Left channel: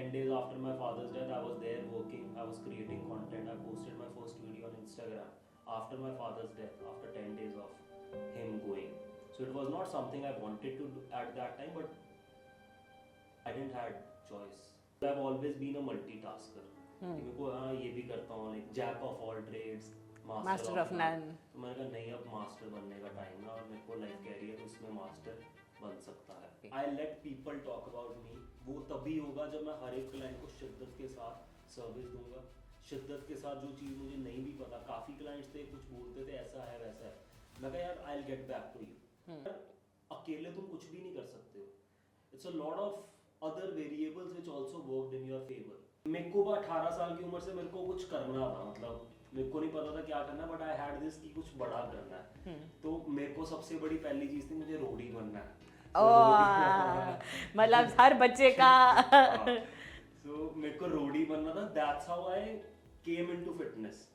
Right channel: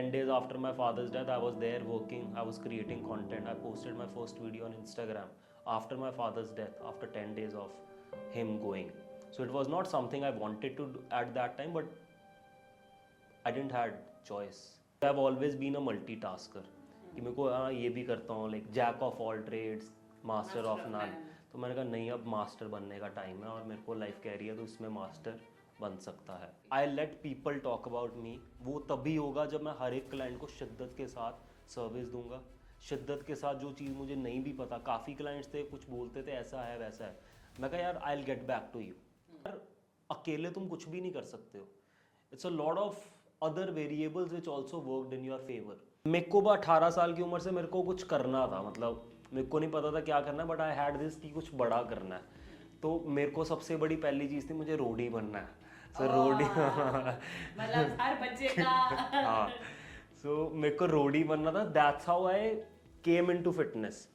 10 days after my father's death, I was there working, I was creating content. I posted my first video on Instagram after my father's death, after 10 days of him going. So it was not something I wanted to do at that time, but I didn't had choice. I've always been a multitasker. कि मेरे को हाँ ये भी करता हूँ, like jack of all trades, master of none. तो मैंने कहा नहीं, अब मास्टर बनने का टाइम है और मेरे को लाइफ कह रही है तो उसमें मास्टर बन सकता है. I let people talk about me. वो तभी होगा जब मैं हर एक क्लाइंट को शिद्दत के साथ सर्विस दूंगा, शिद्दत के साथ. जो चीज़ मुझे नहीं भी पता, काफ़ी क्लाइंट्स थे कुछ बोलते थे ऐसा है वैसा है, मैं कहा यार I will get back to you. अकेले तुम कुछ भी नहीं कर सकते हो. It's a lot of other variables which also worked in your favour. मेरे को 18 साल की उम्र से मेरे को कुछ करना था, मतलब मेरे को नहीं पता था क्या करना है, बट आई हैड दिस कि कुछ बड़ा करना है. तो मेरे को सबसे बड़ी पहली चीज़ थी, मुझे रोडी बनना है. मतलब हर बच्चे का. सो मेरे को रोडी बनना था. That's how I came into fitness.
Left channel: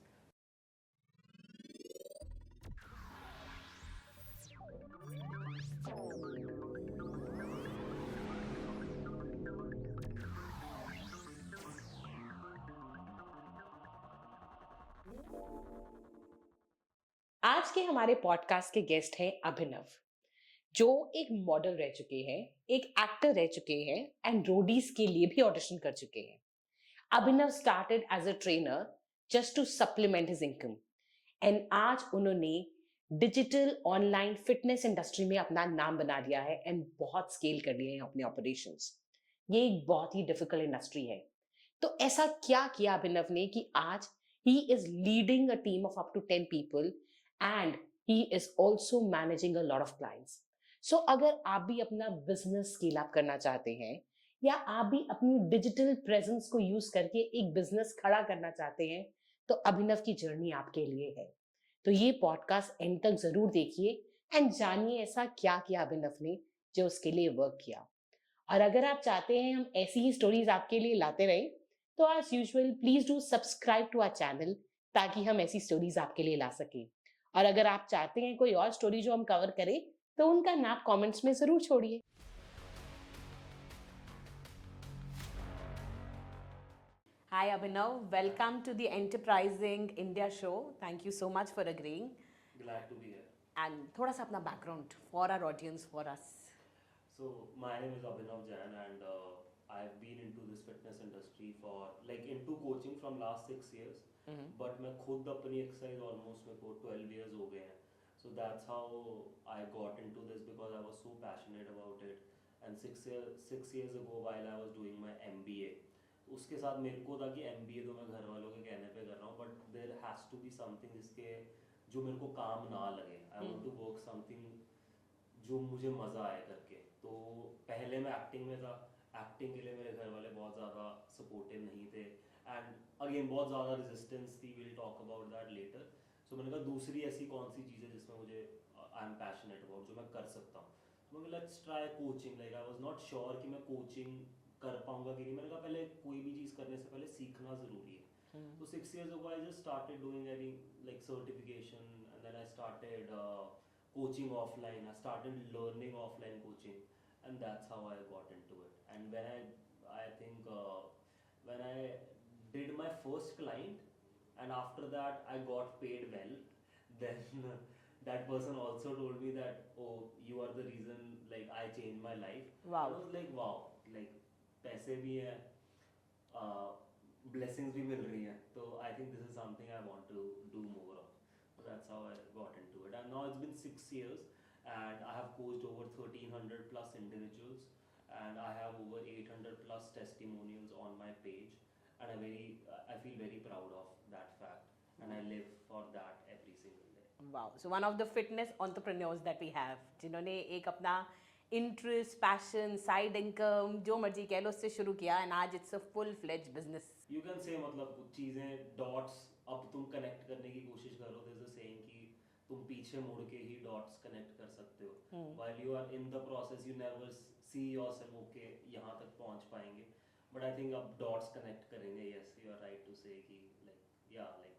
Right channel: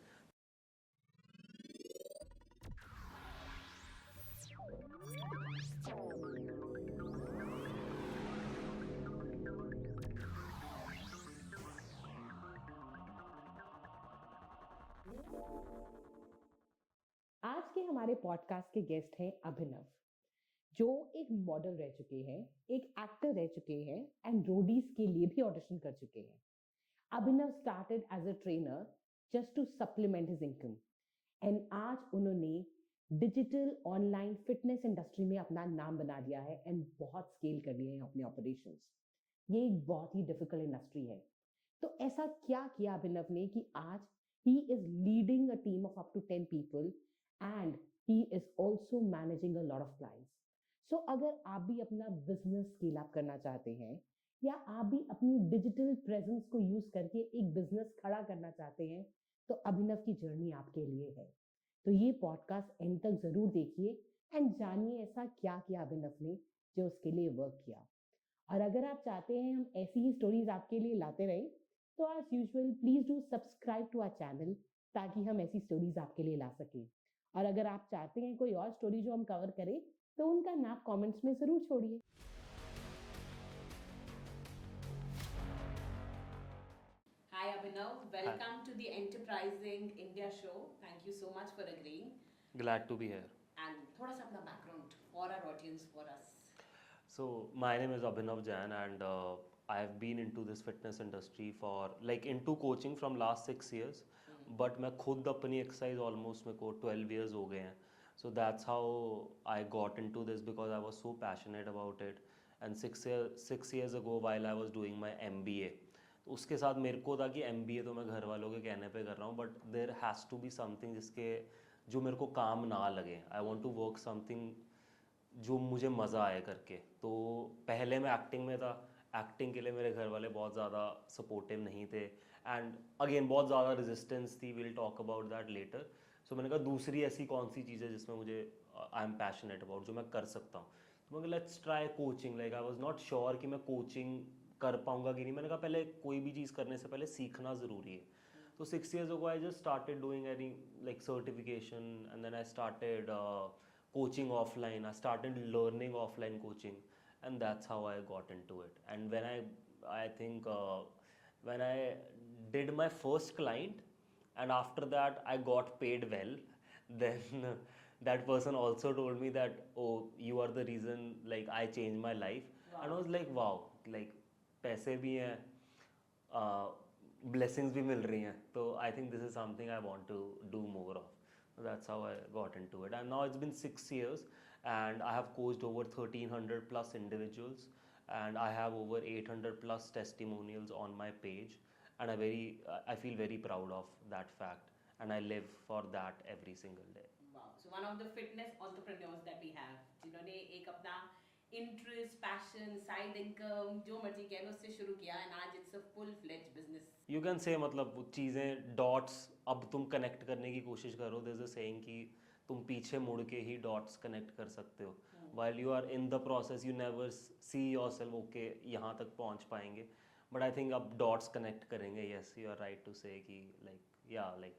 आज के हमारे पॉडकास्ट के गेस्ट हैं अभिनव, जो एक मॉडल रह चुके हैं, एक एक्टर रह चुके हैं एंड रोडीज के लिए भी ऑडिशन कर चुके हैं. Abhinav started as a trainer just to supplement his income and आज उन्होंने डिजिटल ऑनलाइन फिटनेस इंडस्ट्री में अपना नाम बना लिया है एंड बहुत स्केल कर लिए हैं अपने ऑपरेशंस. ये एक बहुत ही डिफिकल्ट इंडस्ट्री है. तो ऐसा क्या किया अभिनव ने कि आज he is leading a team of up to 10 people and he is also managing a lot of clients. So अगर आप भी अपना बिजनेस स्केल अप करना चाहते हैं या आप भी अपनी डिजिटल प्रेजेंस को यूज करके एक बिजनेस खड़ा करना चाहते हैं, तो अभिनव की जर्नी आपके लिए है. तो ये पॉडकास्ट एंड तक जरूर देखिए एंड जानिए ऐसा क्या किया अभिनव ने जो उसके लिए वर्क किया. और अगर आप चाहते हैं हम ऐसी ही स्टोरीज आपके लिए लाते रहें, तो as usual please do subscribe to our channel ताकि हम ऐसी स्टोरीज आपके लिए ला सकें. और अगर आप चाहते हैं कोई और स्टोरी जो हम कवर करें, तो उनका नाम कमेंट्स में जरूर छोड़िए. Hi Abhinav, welcome to the Enterprising India show. Thank you so much for agreeing. Glad to be here. And थोड़ा सा अपना background for our audience, for us. So my name is Abhinav Jain and I have been into this fitness industry for like into coaching from last 6 years. But मैं खुद अपनी exercise almost मेरे को 12 years हो गए हैं. So that's how I got into this because I was so passionate about it. And 6 years ago while I was doing my MBA, तो उसके साथ मेरे को था कि MBA तो मैं घर वालों के कहने पे कर रहा हूँ, but there has to be something जिसके जो मेरे को काम ना लगे. I want to work something जो मुझे मज़ा आए करके. तो पहले मैं एक्टिंग में था. एक्टिंग के लिए मेरे घर वाले बहुत ज़्यादा सपोर्टिव नहीं थे एंड अगेन बहुत ज़्यादा रेजिस्टेंस थी. Will talk about that later. So मैंने कहा दूसरी ऐसी कौन सी चीज़ है जिसमें मुझे आई एम पैशनेट अबाउट, जो मैं कर सकता हूँ. तो मैंने let's try coaching. Like I was not sure कि मैं कोचिंग कर पाऊँगा कि नहीं. मैंने कहा पहले कोई भी चीज़ करने से पहले सीखना ज़रूरी है. तो 6 years ago I just started doing any like certification and then I started coaching offline. I started learning offline coaching, and that's how I got into it. And when I think when I did my first client, and after that I got paid well, then that person also told me that, oh, you are the reason like I changed my life. Wow. And I was like, wow, like पैसे भी हैं, blessings भी मिल रही हैं. तो I think this is something I want to do more of. So that's how I got into it. And now it's been 6 years and I have coached over 1300 plus individuals and I have over 800 plus testimonials on my page, and I feel very proud of that fact and I live for that every single day. Wow. So one of the fitness entrepreneurs that we have, जिन्होंने एक अपना interest, passion, side income, जो मर्जी कह लो, उससे शुरू किया and आज it's a full fledge business. You can say मतलब वो चीज़ें डॉट्स अब तुम कनेक्ट करने की कोशिश करो. देयर इज अ सेइंग कि तुम पीछे मुड़ के ही डॉट्स कनेक्ट कर सकते हो. While you are in the process you never see yourself okay यहाँ तक पहुँच पाएंगे. बट आई थिंक अब डॉट्स कनेक्ट करेंगे. Yes, you are right to say कि like yeah like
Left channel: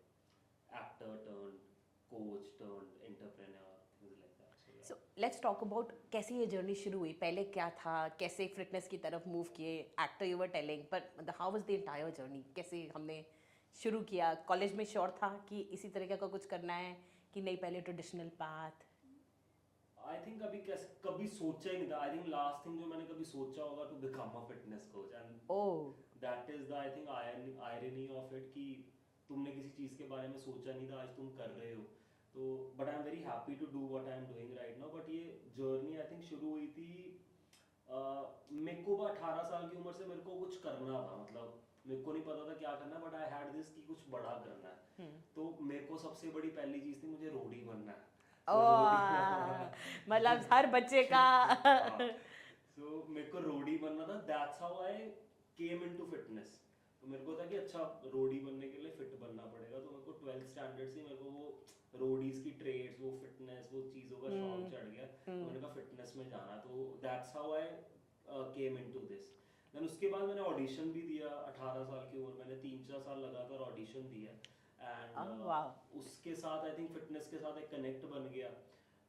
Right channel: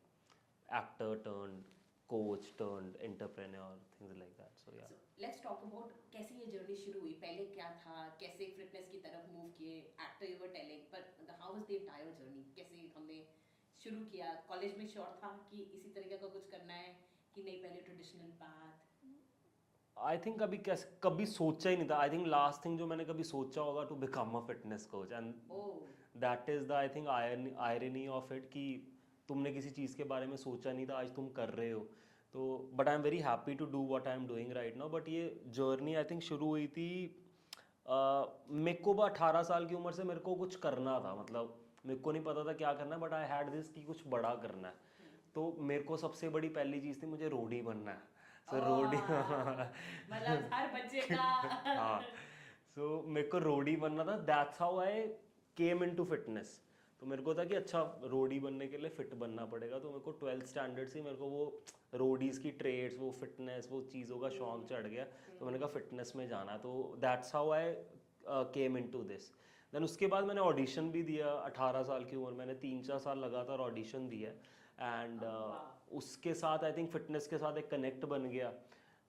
actor turn coach turn entrepreneur, things like that. So yeah. Let's talk about कैसे ये journey शुरू हुई, पहले क्या था, कैसे एक फिटनेस की तरफ मूव किए, एक्टर यू वर टेलिंग, पर how was the entire journey, कैसे हमने शुरू किया? कॉलेज में श्योर था कि इसी तरीके का कुछ करना है कि नहीं पहले ट्रेडिशनल पाथ? आई थिंक कभी सोचा ही नहीं था। आई थिंक लास्ट थिंग जो मैंने कभी सोचा होगा to become a fitness coach, and oh, that is the I think irony of it कि तुमने किसी चीज़ के बारे में सोचा नहीं था, आज तुम कर रहे हो। तो but I am very happy to do what I am doing right now. But ये जर्नी आई थिंक शुरू हुई थी मेरे को 18 साल की उम्र से मेरे को कुछ करना था। मतलब मेरे को नहीं पता था क्या करना है, बट आई हैड दिस कि कुछ बड़ा करना है। तो मेरे को सबसे बड़ी पहली चीज़ थी, मुझे रोडी बनना है। So, रोडी मतलब हर बच्चे का हाँ, सो मेरे को रोडी बनना था। That's how I came into fitness. तो मेरे को था कि अच्छा रोडी बनने के लिए फिट बनना पड़ेगा। तो मेरे को 12th स्टैंडर्ड से मेरे को वो रोडीज की ट्रेड्स, वो फिटनेस, वो चीज़ों का शौक चढ़ गया। तो मैंने कहा फिटनेस में जाना है। तो that's how I came into this. Then उसके बाद मैंने ऑडिशन भी दिया। 18 साल की उम्र मैंने 3-4 साल लगातार ऑडिशन दिया। एंड उसके साथ आई थिंक फिटनेस के साथ एक कनेक्ट बन गया।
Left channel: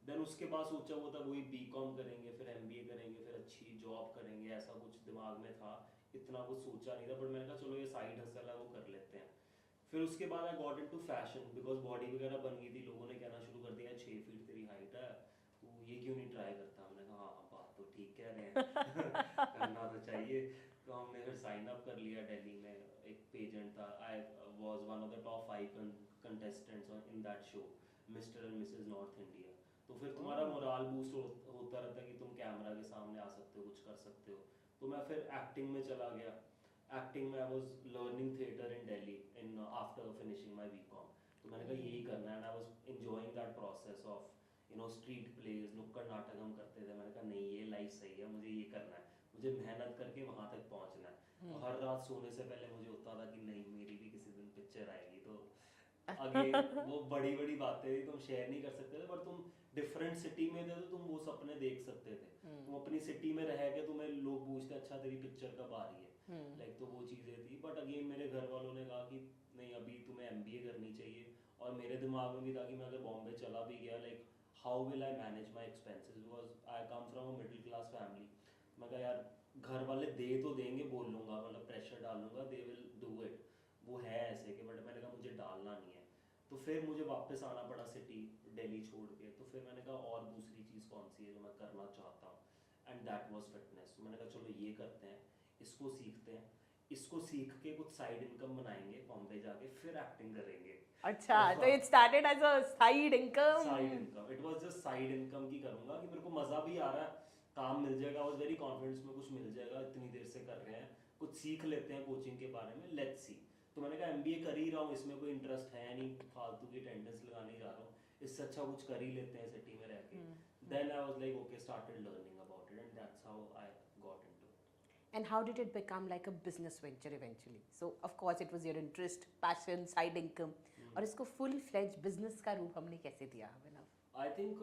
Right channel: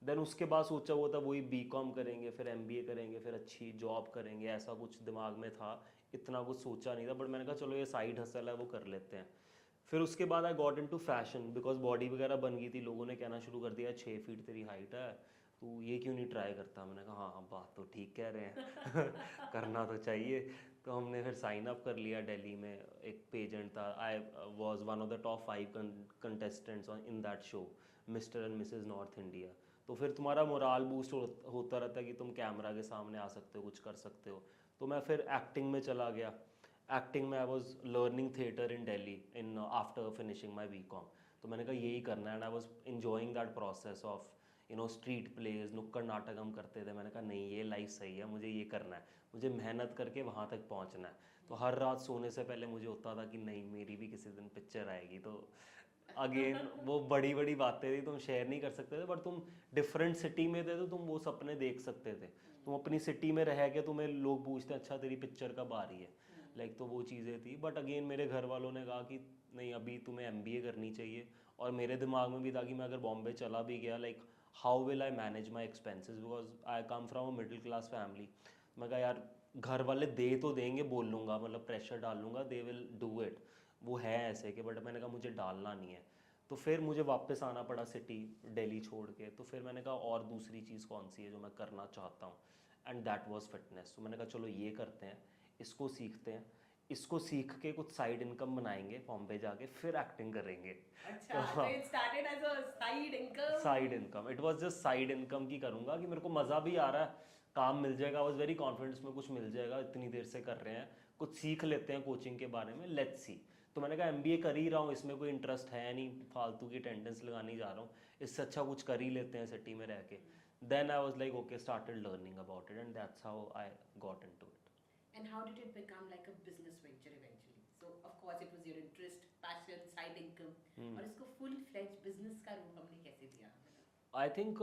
देन उसके बाद सोचा हुआ था वही बीकॉम करेंगे, फिर एमबीए करेंगे, फिर अच्छी जॉब करेंगे, ऐसा कुछ दिमाग में था। इतना कुछ सोचा नहीं था, बट मैंने कहा चलो ये साइड हसल है, वो कर लेते हैं। फिर उसके बाद आई got into fashion, because body वगैरह बन गई थी। लोगों ने कहना शुरू कर दिया 6 फीट तेरी हाइट है, तू ये क्यों नहीं ट्राई करता। मैंने कहा हाँ हाँ बात तो ठीक कह रहे हैं करना तो चाहिए। तो हमने फिर साइन अप कर लिया। दिल्ली में एक पेजेंट था, I was one of the top 5 contestants in that show, mister and Mrs north India. तो फिर तुम्हारा मोराल बूस्ट होता रहता है कि तुम कैमरा के सामने आ सकते हो, कुछ कर सकते हो। तो मैं फिर एक्टिंग में चला गया। एक्टिंग में I was learning theatre in Delhi in after finishing my BCom. तो मैंने कहा यही करना है, and I was enjoying that process of street plays, नुक्कड़ नाटक हम करते थे। मैंने कहा नहीं ये लाइफ सही है, मुझे ये करना है, मुझे मेहनत करके वहाँ तक पहुँचना है। तो हर रात सोने से पहले मुझे होता था कि नहीं मेरी भी किसी दिन पिक्चर आएगी। तो अगेन वो बड़ी बड़ी बातें थी, तुम शेयर नहीं कर सकते थे, पर तुम डिफरेंट सिटी में थे तो तुम वो सपने देख सकते थे। तुम अपनी सिटी में रह के तुम्हें लोग पूछते अच्छा तेरी पिक्चर कब आ रही है, लाइक तो वो चीज़ें थी। बट अगेन मेरे घर वालों ने कहा कि नहीं अभी तुम्हें एमबीए करनी चाहिए। और मेरे दिमाग में भी था कि मैं अगर बॉम्बे चला भी गया, like how will I manage my expenses, because I come from a middle class family. मैं कहा यार घर वाले दे तो देंगे, बोल लूँगा, मतलब प्रेशर डाल लूँगा, दे विल डू इट, वो है ऐसे के। बट मैंने कहा मुझे डालना नहीं है। तो फिर मुझे वापस आना पड़ा सिटी, दिल्ली छोड़ के। तो फिर मैंने कहा और दूसरी चीज़ कौन सी है जो मैं करना चाहता हूँ, एंड दैट वाज फिटनेस। तो मैंने कहा चलो ये करते हैं, इसको सीखते हैं, इसको सीख के कुछ साइड इनकम बनाएंगे, बॉम्बे जाके फिर एक्टिंग करेंगे। अच्छा, तो it started as a side income. Side income, it was just side income की करूंगा कि मेरे को मज़ा भी आ रहा है, काम मिल जाएगा। आई वाज वेरी कॉन्फिडेंस में कुछ मिल जाएगा, इतनी देर से कर रहे हैं, कुछ सीख लेते हैं कोचिंग के बारे में, लेट्स सी। तो मैंने कहा एमबीए कर ही रहा हूँ, इसमें कोई इंटरेस्ट है नहीं, फालतू की अटेंडेंस लगाने जा रहा हूँ, इससे अच्छा कुछ कर ही लेते हैं सिटी में रह के। Then I was like okay, started learning about it, and that's how I got into it. And how did it become like a business venture eventually? So of course it was your interest, passion, side income. और इसको full fledged business का रूप हमने कैसे दिया? I think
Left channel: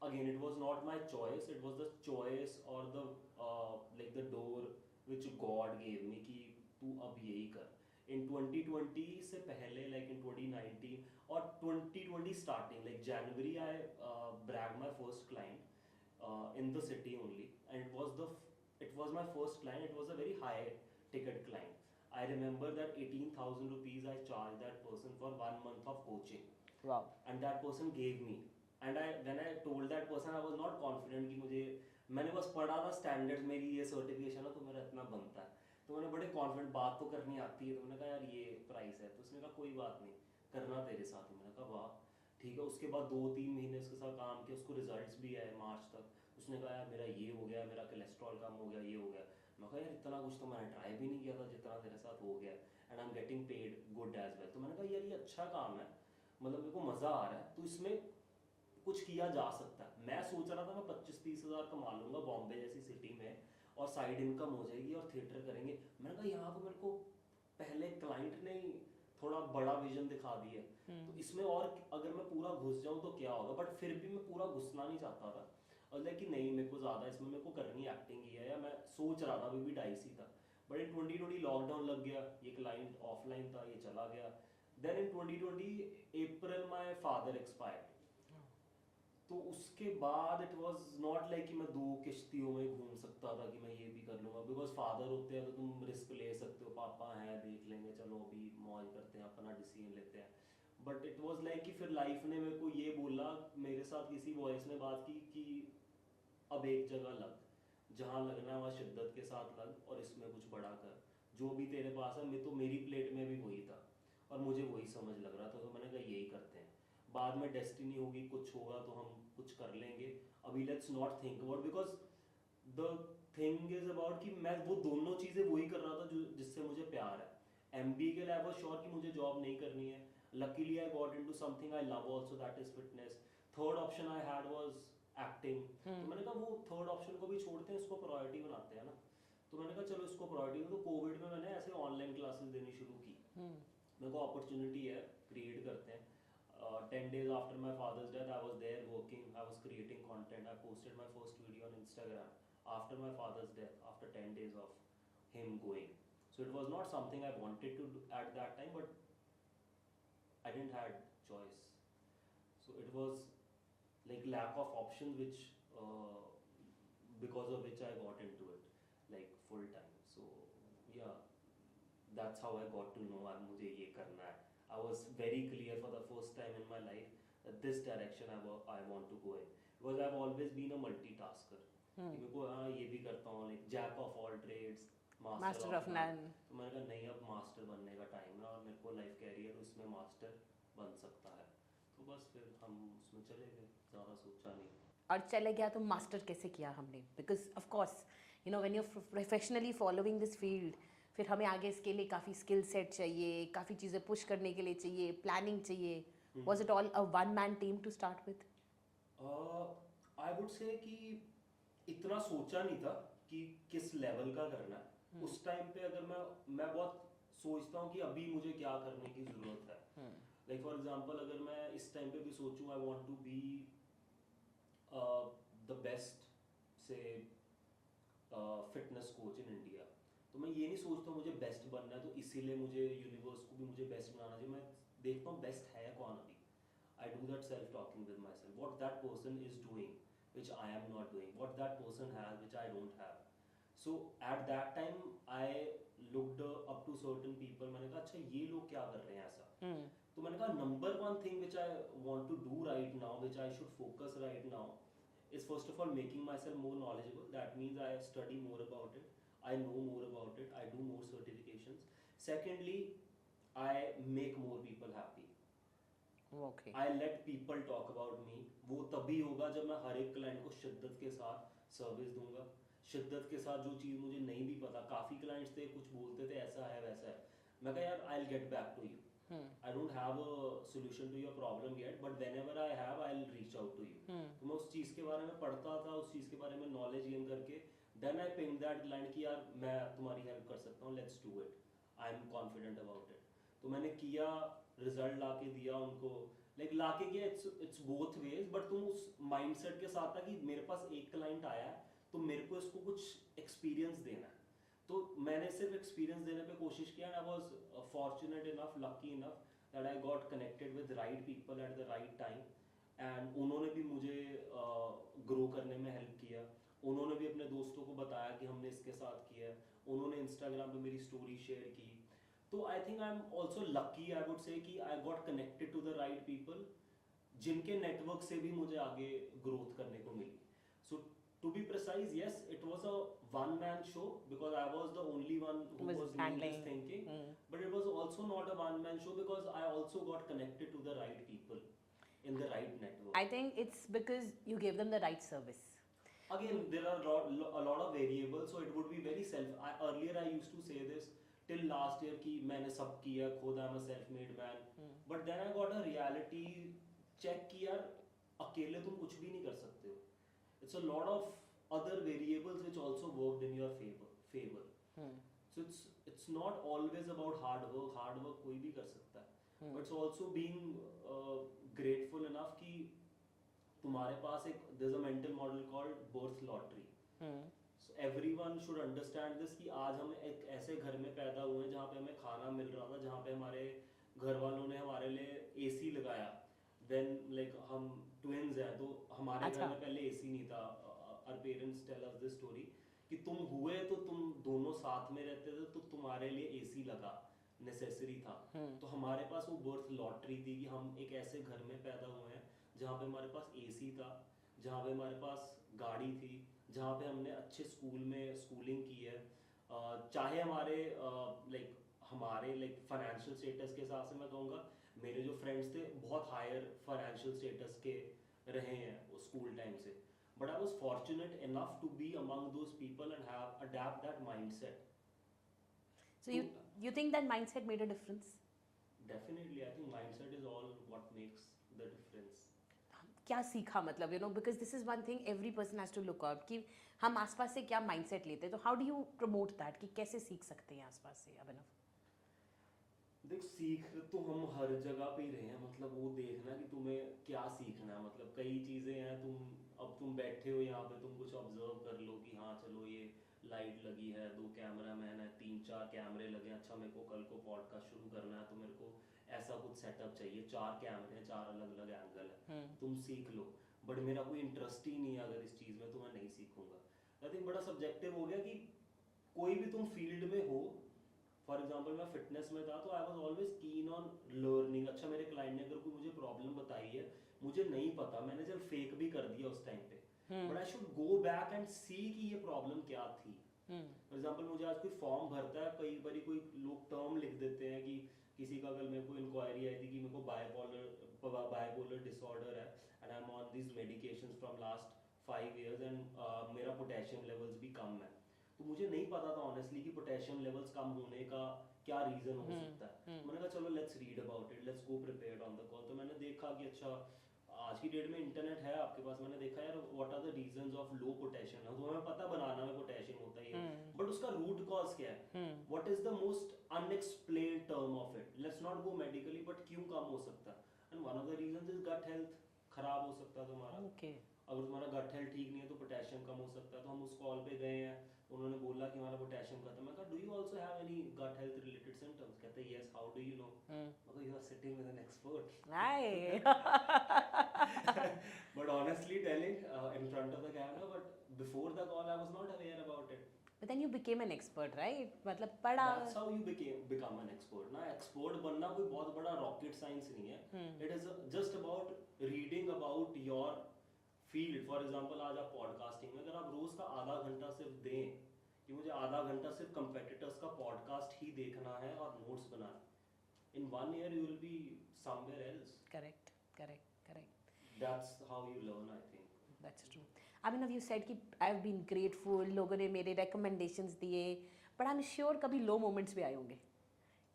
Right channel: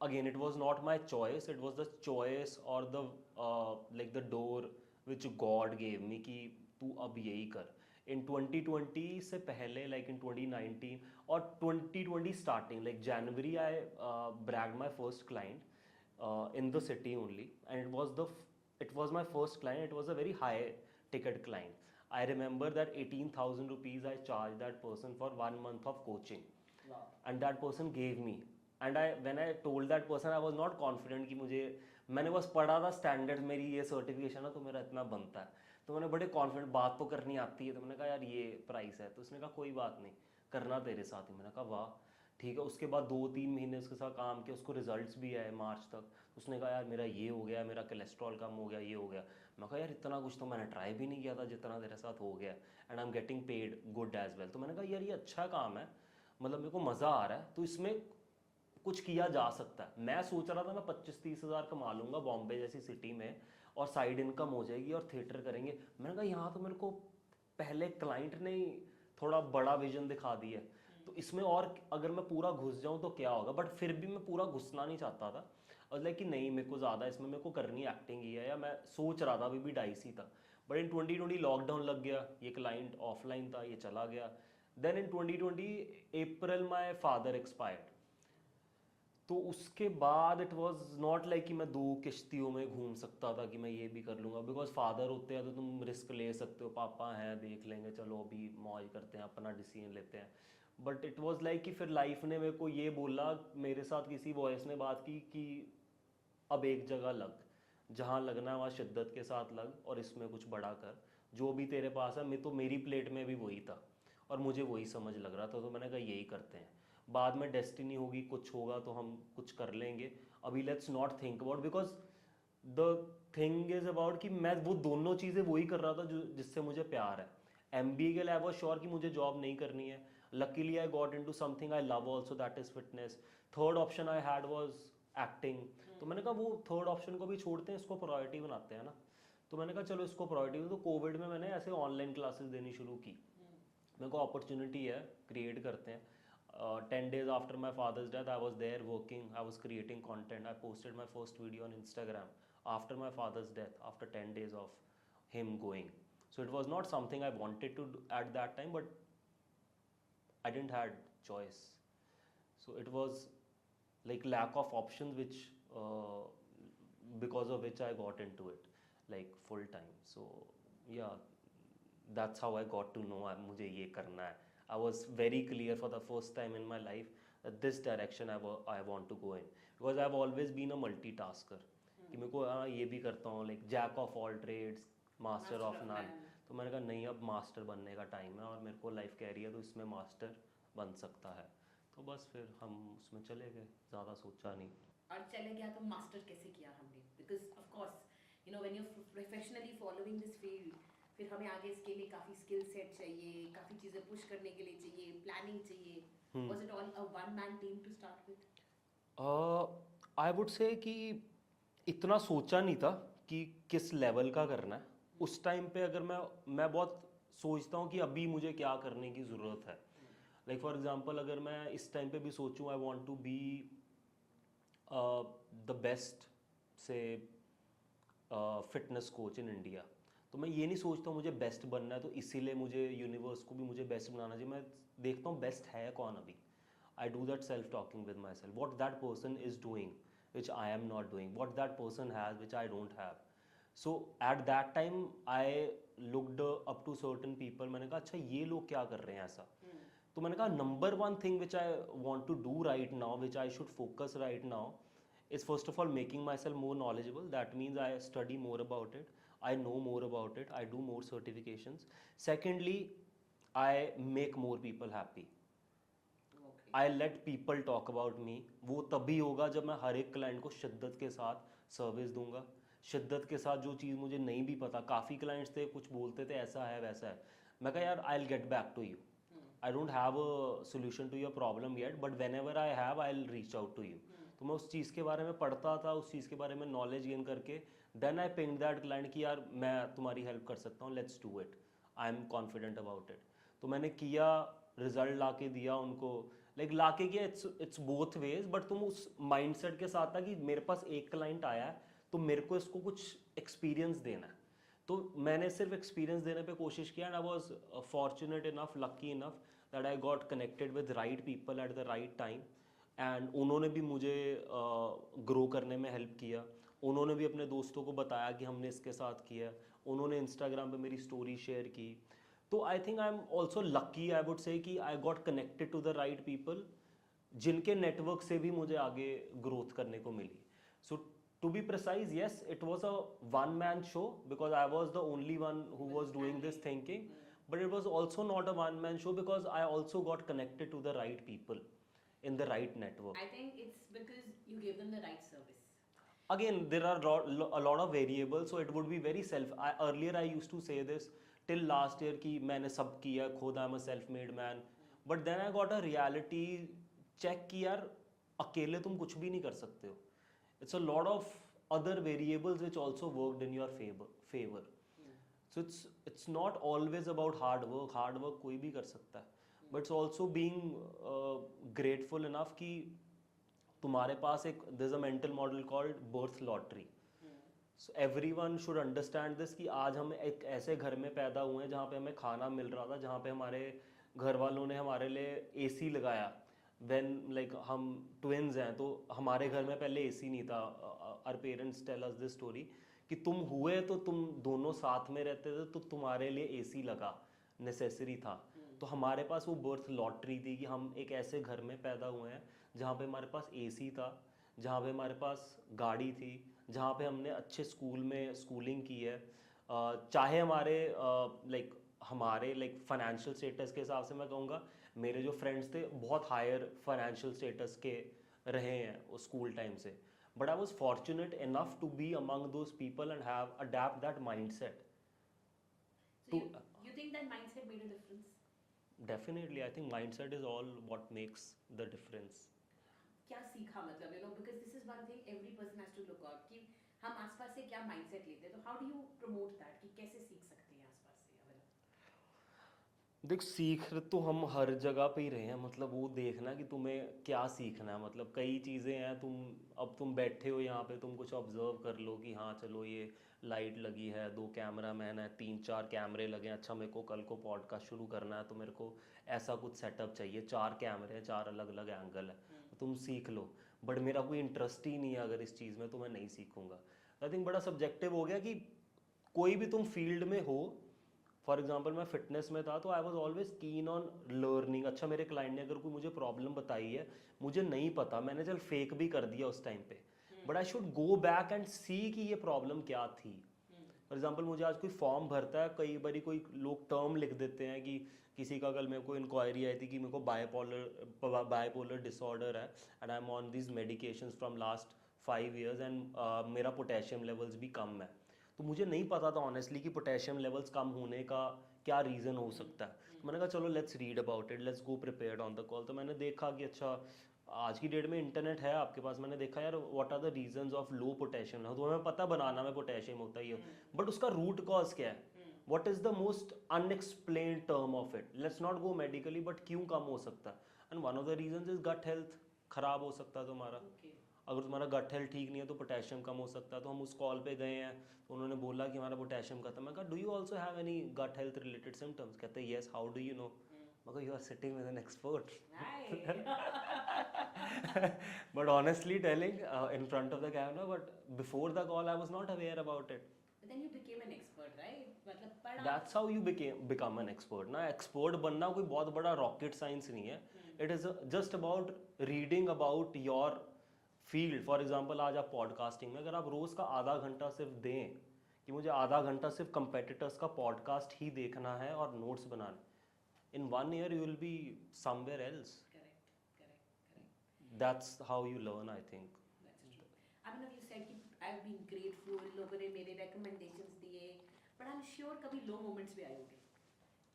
again it was not my choice, it was the choice or the like the door which God gave me कि तू अब यही कर। In 2020 से पहले, like in 2019 और 2020 starting, like January I bragged my first client in the city only, and it was my first client. It was a very high ticket client. I remember that 18,000 rupees I charged that person for 1 month of coaching. Wow. And that person gave me. And when I told that person, I was not confident कि मुझे, मैंने बस पढ़ा था standard, मेरी ये certification है तो मेरा इतना बनता है। तो मैंने बड़े कॉन्फिडेंट, बात तो करनी आती है। तो मैंने कहा यार ये प्राइस है। तो उसने कहा कोई बात नहीं, करना तेरे साथ ही। मैंने कहा वाह ठीक है। उसके बाद 2-3 महीने उसके साथ काम किया, उसको रिजल्ट्स भी आए मार्च तक। उसने कहा यार मेरा ये हो गया, मेरा कोलेस्ट्रॉल कम हो गया, ये हो गया। मैं कहा यार इतना कुछ तो मैंने ट्राई भी नहीं किया था जितना तेरे साथ हो गया, and I am getting paid good as well. तो मैंने कहा यार ये अच्छा काम है, मतलब मेरे को मज़ा आ रहा है, तो इसमें कुछ किया जा सकता है। मैं सोच रहा था मैं 25-30 हज़ार कमा लूँगा बॉम्बे जैसी सिटी में, और साइड इनकम हो जाएगी और थिएटर करेंगे। मैंने कहा यहाँ तो मेरे को पहले क्लाइंट ने थोड़ा बड़ा विजन दिखा दिया है, तो इसमें और अगर मैं पूरा घुस जाऊँ तो क्या होगा। बट फिर भी मैं पूरा घुसना नहीं चाहता था, और लाइक कि नहीं मेरे को ज़्यादा इसमें मेरे को करनी एक्टिंग ही है, या मैं सोच रहा था, अभी भी डाइस ही था। बट इन 2020 लॉकडाउन लग गया, ये क्लाइंट ऑफलाइन था, ये चला गया। Then in 2020 April my father expired. तो उसके बाद इट वाज नॉट लाइक कि मैं 2 किश्तियों में घूम सकता था कि मैं ये भी कर लूँगा, बिकॉज फादर होते हैं तो तुम रिस्क ले सकते हो, पापा हैं देख लेंगे, चलो अभी मौज करते हैं, अपना डिसीजन लेते हैं। बट इट वाज लाइक कि फिर लाइफ ने मेरे को ये बोला, मेरे साथ किसी वॉइस ने बात की कि अब एक जगह लग, जहाँ लगना है वहाँ शिद्दत के साथ लग और इसमें कुछ बड़ा कर, जो भी तेरे पास है। मैं तो मेरी प्लेट में भी वही था और मुझे वही समझ लग रहा था, तो मैंने कहा यही करते हैं। बाद में डेस्टिनी होगी, कुछ होगा तो हम कुछ कर लेंगे, अभी let's not think about, because the thing is about कि मैं वो दोनों चीज़ें वही कर रहा था जो जिससे मुझे प्यार है। MBA के लिए आई वॉज श्योर कि मुझे जॉब नहीं करनी है, luckily I got into something I love also, that is fitness. Third option I had was acting, तो मैंने कहा वो थर्ड ऑप्शन को भी छोड़ते हैं, इसको प्रायोरिटी बनाते हैं ना। तो मैंने कहा चलो इसको प्रायोरिटी। तो कोविड में मैंने ऐसे ऑनलाइन क्लासेस देनी शुरू की, मेरे को अपॉर्चुनिटी है, क्रिएट करते हैं। 10 days after my father's death, I was there working, I was creating content, I posted my first video on Instagram after my father's death, after 10 days of him going. So it was not something I wanted to do at that time, but I didn't had choice. So it was like lack of options, which because of which I got into it like full time. So yeah, that's how I got to know मुझे ये करना है. I was very clear for the first time in my life that this direction I want to go in, because I've always been a multitasker. कि मेरे को हाँ ये भी करता हूँ, like jack of all trades, master of none. तो मैंने कहा नहीं, अब मास्टर बनने का टाइम है और मेरे को लाइफ कह रही है तो इसमें मास्टर बन सकता है। तो बस फिर हम उसमें चले गए, ज़्यादा सोचा नहीं। और चले गया तो मास्टर कैसे किया हमने? Because of course you know when you are professionally following this field, फिर हमें आगे इसके लिए काफ़ी स्किल सेट चाहिए, काफ़ी चीज़ें पुश करने के लिए चाहिए, प्लानिंग चाहिए. Was it all a one man team to start with? I would say कि इतना सोचा नहीं था कि किस लेवल का करना है उस टाइम पे। अगर मैं बहुत सोचता हूँ कि अभी मुझे क्या करने की ज़रूरत है। लाइक फॉर एग्जांपल अगर मैं इस टाइम पे भी सोचूं I want to be the best say fitness coach in India, तो मैं ये नहीं सोचता मुझे बेस्ट बनना है तो इसीलिए मुझे यूनिवर्स को भी मुझे बेस्ट बनाना चाहिए। मैं देखता हूँ बेस्ट है कौन अभी। I do that self talking with myself, what that person is doing which I am not doing, what that person has which I don't have. So at that time I looked up to certain people, मैंने कहा अच्छा ये लोग क्या कर रहे हैं ऐसा। तो मैंने कहा number one thing which I want to do right now, which I should focus right now, is first of all making myself more knowledgeable. That means I study more about it, I know more about it, I do more certifications. Secondly, I make more people happy. I let people talk about me. वो तभी होगा जब मैं हर एक client को शिद्दत के साथ सर्विस दूंगा, शिद्दत के साथ जो चीज़ मुझे नहीं भी पता। काफ़ी क्लाइंट्स थे कुछ बोलते थे ऐसा है वैसा है, मैं कहा यार I will get back to you, I don't have a solution to your problem yet, but whenever I have I will reach out to you. तो मैं उस चीज़ के बारे में पढ़ता था, उस चीज़ के बारे में नॉलेज गेन करके then I ping that client कि यार मैं तुम्हारी हेल्प कर सकता हूँ, let's do it, I am confident about it. तो मैंने किया, रिजल्ट ला के दिया उनको, लाइक लाके के इट्स बोथ वेज, बट तुम उस माइंडसेट के साथ था कि मेरे पास एक क्लाइंट आया है तो मेरे को इसको कुछ एक्सपीरियंस देना है। तो मैंने सिर्फ एक्सपीरियंस देने पे कोशिश किया, and I was fortunate enough, lucky enough that I got connected with right people at the right time, and उन्होंने भी मुझे ग्रो करने में हेल्प किया। उन्होंने भी अपने दोस्तों को बताया कि हमने इसके साथ किया, उन्होंने इंस्टाग्राम पे मेरी स्टोरी शेयर की। तो I think I am also lucky, I would say कि I got connected to the right people, जिनके नेटवर्क से भी मुझे आगे ग्रोथ करने को मिली। So to be precise, yes, it was a one man show because I was the only one who was doing this thinking, but it was also not a one man show because I also got connected to the right people in the right network. I think it's because you gave them the right service. Again, there are a lot of variables, so it would be very earlier I used to say this till last year कि मैंने सब किया खुद, I'm a self-made man, but then I got a reality check कि यार अकेले तुम कुछ भी नहीं कर सकते हो। It's a lot of other variables which also worked in your favor. So it's not always about hard work. Hard work कोई भी कर सकता है, but it's also being grateful enough कि तुम्हारे पास एक there's a mental model called birth lottery. So everyone should understand this कि आज हम एक ऐसे घर में पैदा हुए हैं जहाँ पे हमें खाना मिल रहा था, जहाँ पे हमारे घर वालों ने हमारे लिए AC लगाया, व्हेन लाइक हम ट्विन्स हैं तो हमारे घर अच्छा। में पहले एसी नहीं था. Our parents tell us this story कि तुम हुए तो तुम दोनों साथ में रहते थे तो तुम्हारे लिए एसी लगा, नेसेसरी था. तो हमारे पास वो बर्थ लॉटरी थी कि हम एक ऐसे घर में पैदा हुए हैं जहाँ पे हमारे पास एसी था, जहाँ पे हमारे पास गाड़ी थी, जहाँ पे हमने अच्छे स्कूल में स्कूलिंग की है. चाहे हमारे लाइक फाइनेंशियल स्टेटस के हिसाब से मैं कहूँगा मेरे जो फ्रेंड्स थे बहुत हायर फाइनेंशियल स्टेटस के रहे हैं स्कूल टाइम से. But I was fortunate enough to be among those people and have adept that mindset. So you think that mindset made a difference? Definitely, I think mindset is all what makes the difference. क्या सीखा मतलब because this is one thing every person has to look out कि हम आसपास से क्या mindset लेते हैं, तो how do you promote that कि कैसे सीख सकते हैं आसपास से अभिनव? देख, सीख तो हम हर जगह पे ही रहे हैं. मतलब वो देखना कि तुम्हें क्या सीखना है. मतलब कई चीज़ें हैं, तुम बैठे हो यहाँ पे, तुम कुछ ऑब्जर्व कर लो कि हाँ चलो ये लाइट लगी है, 2 कैमरामैन है, 3-4 कैमरे लगे हैं, अच्छा मेरे को कल को पॉडकास्ट शुरू करना है तो मेरे को ऐसा कुछ सेटअप चाहिए, 4 कैमरे हैं, 4 अलग अलग एंगल है, तुम सीख लो. बट मेरा कोई इंटरेस्ट ही नहीं है अगर इस चीज़ में, तो मैं नहीं सीखूंगा. आई थिंक बड़ा सब्जेक्टिव हो गया कि कोई भी तुम फील्ड में हो. फॉर एग्जाम्पल मैं फिटनेस में था तो I was always keen on learning. अच्छा मेरे क्लाइंट ने अगर कोई मुझे प्रॉब्लम बताई है, मुझे नहीं पता, मैंने चल फेक भी कर दिया उस टाइम पे, but I should go back and see कि ये प्रॉब्लम क्या थी. फॉर एग्जाम्पल मुझे आज कोई फॉर्म भरता है, कई बार कोई लोग टर्म लिख देते हैं कि किसी का कल मेरे को इंक्वायरी आई थी कि मेरे को बाइपोलर डिसऑर्डर है and I M on this medications from last 5 years and मेरा पोटेशियम लेवल्स भी कम है. तो मुझे नहीं पता था ऑनेस्टली कि पोटेशियम लेवल्स कम होने का क्या रीज़न हो सकता है. मैंने कहा चलो let's read about it, let's go prepared on the call. तो मैंने देखा कि अच्छा आज की डेट में इंटरनेट है आपके पास. मैंने देखा यार what are the reasons of low potassium. तो हमें पता बनाना में पोटेशियम होता ही है, बट उसका रूट कॉज क्या है, what is the most unexplained term of it. Let's not go medically, but क्यों कम हो सकता है. And one of the reasons is gut health खराब हो सकता है तुम्हारा. अगर तुम्हारा गट हेल्थ ठीक नहीं है तो पोटेशियम कम हो सकता है. तो हम उस कॉल पे गए हैं तो उन्होंने बोला कि हमारा पोटेशियम खत्म. मैं कहा do you also have any gut health related symptoms. कहते हैं yes, how do you know. मैं कहा you are sitting with an expert. But honestly telling in front of the camera, but before the call I was not aware about it. But then you became an expert, right? मतलब पढ़ा. That's how you become an expert. ना expert बनना कोई बहुत बड़ा rocket science नहीं है. It is just about reading about your field. For example आज आप पॉडकास्टिंग में अगर आप रोज का आधा घंटा सिर्फ दें कि मुझे आधा घंटा सिर्फ कंपेटिटर्स का पॉडकास्ट ही देखना है और नोट्स बनाने, इन 1 year you will be somewhere else. Correct. That's how you learn, I think. That's true. I mean, you said कि I've been grateful, लोगों ने मेरे recommendations दिए, but I'm sure कभी low moments भी आए होंगे.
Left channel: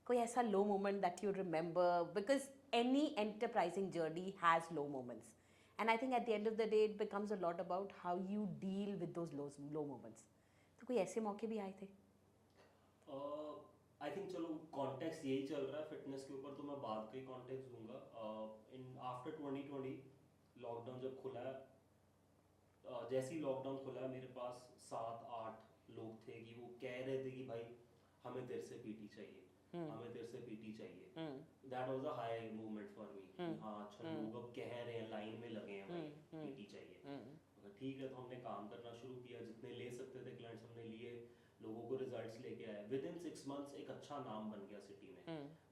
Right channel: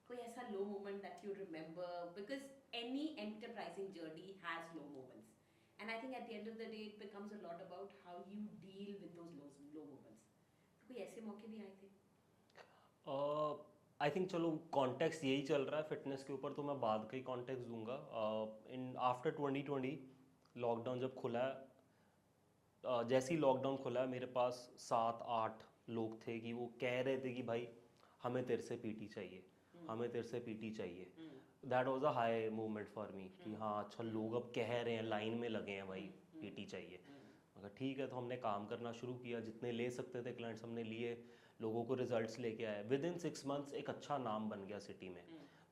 कोई ऐसा low moment that you remember, because any enterprising journey has low moments, and I think at the end of the day it becomes a lot about how you deal with those low moments. तो कोई ऐसे मौके भी आए थे? I think चलो context यही चल रहा है फिटनेस के ऊपर, तो मैं बाद का ही कॉन्टेक्स्ट दूंगा. इन आफ्टर 2020 लॉकडाउन जब खुला है, जैसे ही लॉकडाउन खुला मेरे पास 7-8 लोग थे कि वो कह रहे थे कि भाई हमें तेरे से पीटी चाहिए, हमें तेरे से पीटी चाहिए. That was a high movement for me. हाँ अच्छा लोग अब कह रहे हैं, लाइन में लगे हैं भाई पीटी चाहिए. अगर ठीक है तो हमने काम करना शुरू किया, जितने ले सकते थे क्लाइंट्स हमने लिए, लोगों को रिजल्ट्स लेके आए. विद इन 6 months एक अच्छा नाम बन गया सिटी में.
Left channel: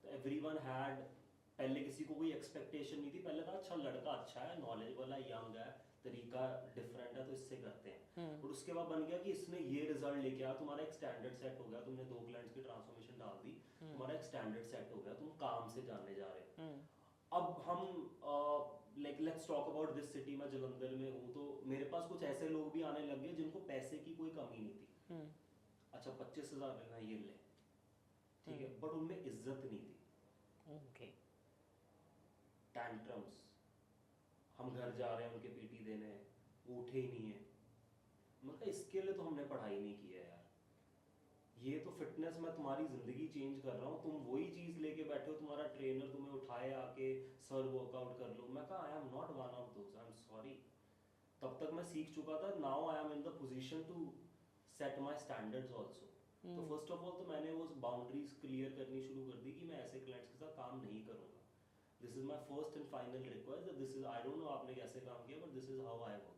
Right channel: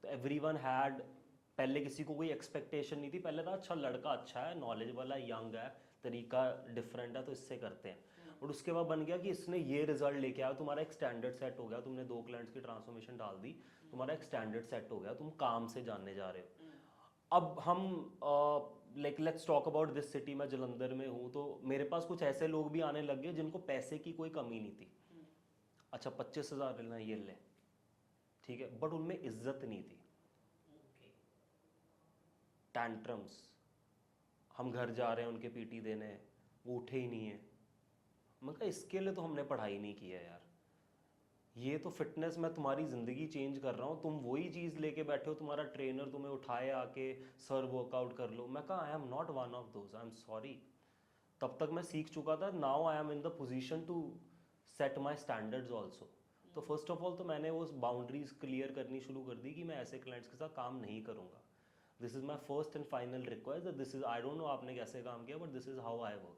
तो एवरीवन हैड, पहले किसी को कोई एक्सपेक्टेशन नहीं थी. पहले था अच्छा लड़का अच्छा है, नॉलेज वाला, यंग है, तरीका डिफरेंट है तो इससे करते हैं. और उसके बाद बन गया कि इसने ये रिजल्ट लेके आया, तुम्हारा एक स्टैंडर्ड सेट हो गया, तुमने 2 क्लाइंट्स की ट्रांसफॉर्मेशन डाल दी, तुम्हारा एक स्टैंडर्ड सेट हो गया, तुम काम से जानने जा रहे हो. अब हम like let's talk about this city. मैं जलंधर में हूँ तो मेरे पास कुछ ऐसे लोग भी आने लग गए जिनको पैसे की कोई कमी नहीं थी. अच्छा 25,000 लेना ये ले, ठीक है, बट उनमें इज्जत नहीं थी. टैंट्रम्स, हम घर जा रहे हैं उनके पीटी देने, वो उठे ही नहीं है. मतलब इसके लिए तो हमने पढ़ाई नहीं की है यार. ये तो फिटनेस में तुम्हारी ज़िंदगी चेंज कर रहा हूँ, तुम वही चीज़ लेके बैठे हो, तुम्हारा ट्रेनर तुम्हें उठाए आके सर वर्कआउट कर लो. मैं कहा I am not one of those, I am sorry. तब तक मैं सीख चुका था. Now I am in the position to set my standards also. तो फर्स्ट ऑफ ऑल तो मैंने वो बाउंड्रीज क्लियर करनी शुरू कर दी कि मैं ऐसे क्लाइंट्स के साथ काम नहीं करूँगा. This is my first and final request, this is, I don't know आपने कैसे काम किया, but this is how I work.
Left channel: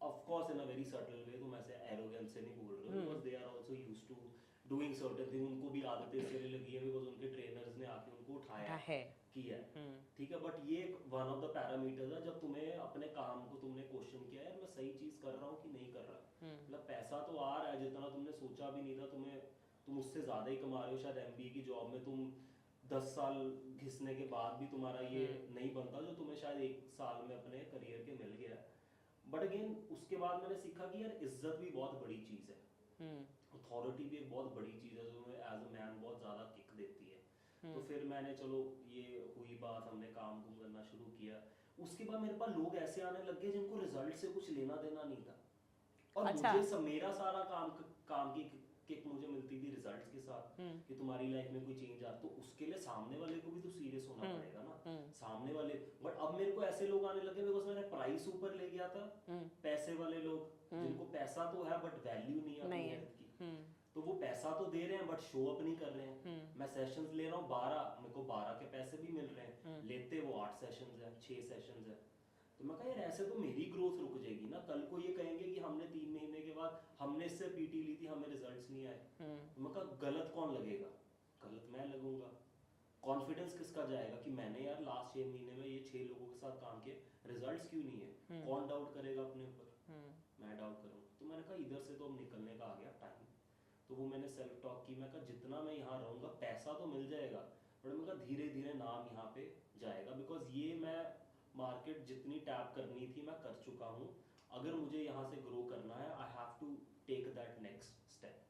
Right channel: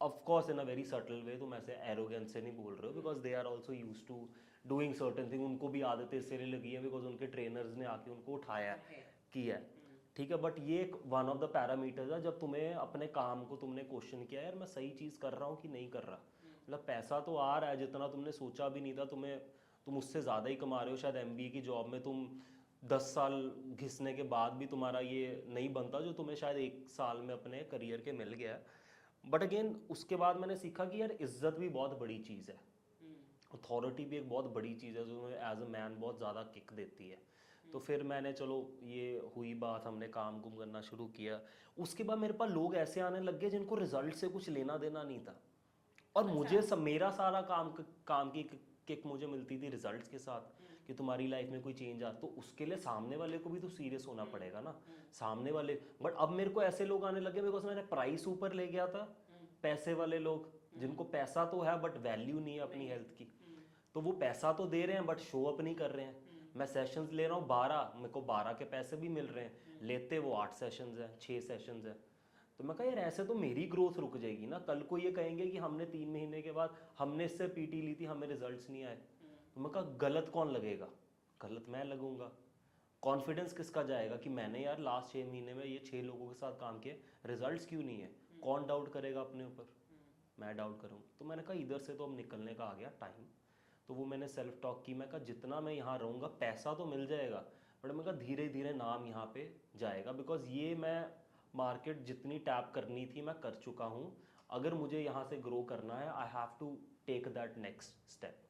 Of course in a very subtle way, तुम ऐसे एरोगेंस से नहीं बोल रहे हो, because they are also use to doing certain thing. उनको भी आदतें इसलिए लगी है बिकॉज उनके ट्रेनर्स ने आके उनको उठाया है. किया है. ठीक है, बट ये एक वन ऑफ द पैरामीटर्स है जब तुम्हें अपने काम को तुमने क्वेश्चन किया, यार मैं सही चीज कर रहा हूँ कि नहीं कर रहा. मतलब पैसा तो आ रहा है जितना तुमने सोचा भी नहीं था, तुम उससे ज्यादा ही कमा रहे हो. शायद एमबीए की जॉब में तुम 10 साल घिसने के बाद भी तुम्हारा ये नहीं बनता जो तुम्हें शायद 1 साल में अपने करियर के मिल गया. बट अगेन उसके बाद मैंने सीखा कि यार इज्जत भी बहुत बड़ी चीज़ है, अथॉरिटी भी एक बहुत बड़ी चीज़ है जो तुम्हें एज अ मैन बहुत ज़्यादा किक देती है. तो फिर मैंने चलो ये हुई बात, हमने काम कुम करना शुरू किया. उसके बाद मेरे पास लोग ऐसे आने लग गए जिनको रिजल्ट से कुछ लेना देना नहीं था, और अच्छा. मुझे सब मेरा सारा काम की किक मुझे मिलती थी रिजल्ट्स के साथ कि तुम्हारी लाइफ में कोई चेंज आ, तो उसके लिए सामने वाले को भी तो सीरियस होना पड़ेगा ना. सामने वाले, बट अब मेरे को ऐसे लोग आने लगे बिकॉज मैंने प्राइस ऊपर ले गया था. पैसे वाले लोग जिनको पैसा तो है बट वैल्यू नहीं है अपनी हेल्थ की, तो वो पैसा तो दे रहे हैं बट शो अप नहीं कर रहे हैं. मैं सेशंस ले रहा हूँ 12, मेरे को 12 के पैसे भी मिल रहे हैं, लेते वो 8 सेशंस हैं, 6 सेशंस हैं. तो मैं कहा यार ऐसे तो मेरी ग्रोथ रुक जाएगी ना. कल को ये कहेंगे कि हमने 3 महीने के बाद हमने इससे पीटी ली थी, हमें रिजल्ट्स नहीं आए. तो मैं कहा गलत कौन लगेगा, गलत मैं लगूंगा. कॉन्फिडेंस किसका जाएगा कि मैंने यार लास्ट 6 महीने में ये 6 लोगों के साथ काम किए, रिजल्ट्स क्यों नहीं है. कौन डाउट करेगा अपने ऊपर, मैं डाउट करूँगा. तो मैंने कहा इधर से तो अब निकलने का आ गया टाइम. तो वो मैंने सेल्फ टॉक की, मैं कहा जितना मैं यहाँ रहूँगा पैसा तो मिल जाएगा, बट मैं कहा धीरे धीरे नाम यहाँ पे जाएगा. बिकॉज ये मैं मार्केट जितनी टैप करनी थी मैं कर चुका हूँ. अगर मुझे यहाँ से ग्रो करना है I have to take that next step.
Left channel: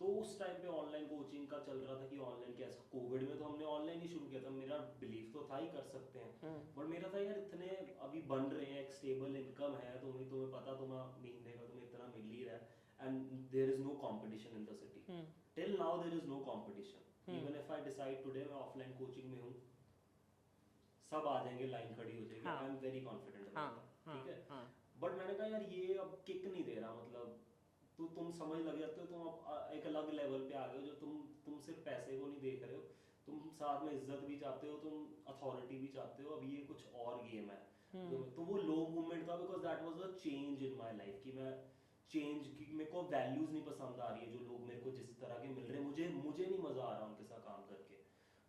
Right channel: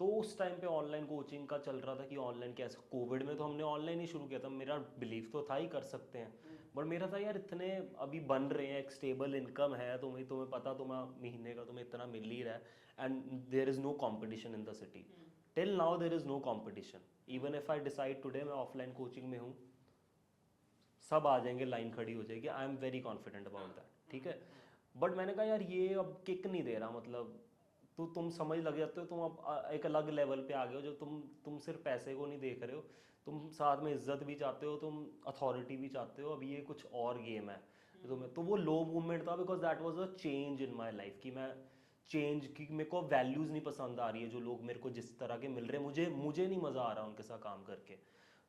तो उस टाइम पे ऑनलाइन कोचिंग का चल रहा था कि ऑनलाइन कैसे, कोविड में तो हमने ऑनलाइन ही शुरू किया था. मेरा बिलीव तो था ही कर सकते हैं, बट मेरा था यार इतने अभी बन रहे हैं, एक स्टेबल इनकम है, तुम्हें पता तुम्हारा महीने का तुम्हें इतना मिल ही रहा है, and there is no competition in the city. Till now there is no competition. Even if I decide today मैं ऑफलाइन कोचिंग में हूँ, सब आ जाएंगे, लाइन खड़ी हो जाएगी. I am very confident about that. ठीक है, बट मैंने कहा यार ये अब किक नहीं दे रहा. मतलब तो तुम समझ लग जाते हो, तुम अब एक अलग लेवल पे आ गए हो जो तुम सिर्फ पैसे को नहीं देख रहे हो, तुम साथ में इज्जत भी चाहते हो, तुम अथॉरिटी भी चाहते हो. अब ये कुछ और गेम है. तो वो लो मूवमेंट था because that was a change in my life कि मैं चेंज की, मेरे को वैल्यूज नहीं पसंद आ रही है जो लोग मेरे को जिस तरह के मिल रहे हैं, मुझे नहीं मजा आ रहा उनके साथ काम करके.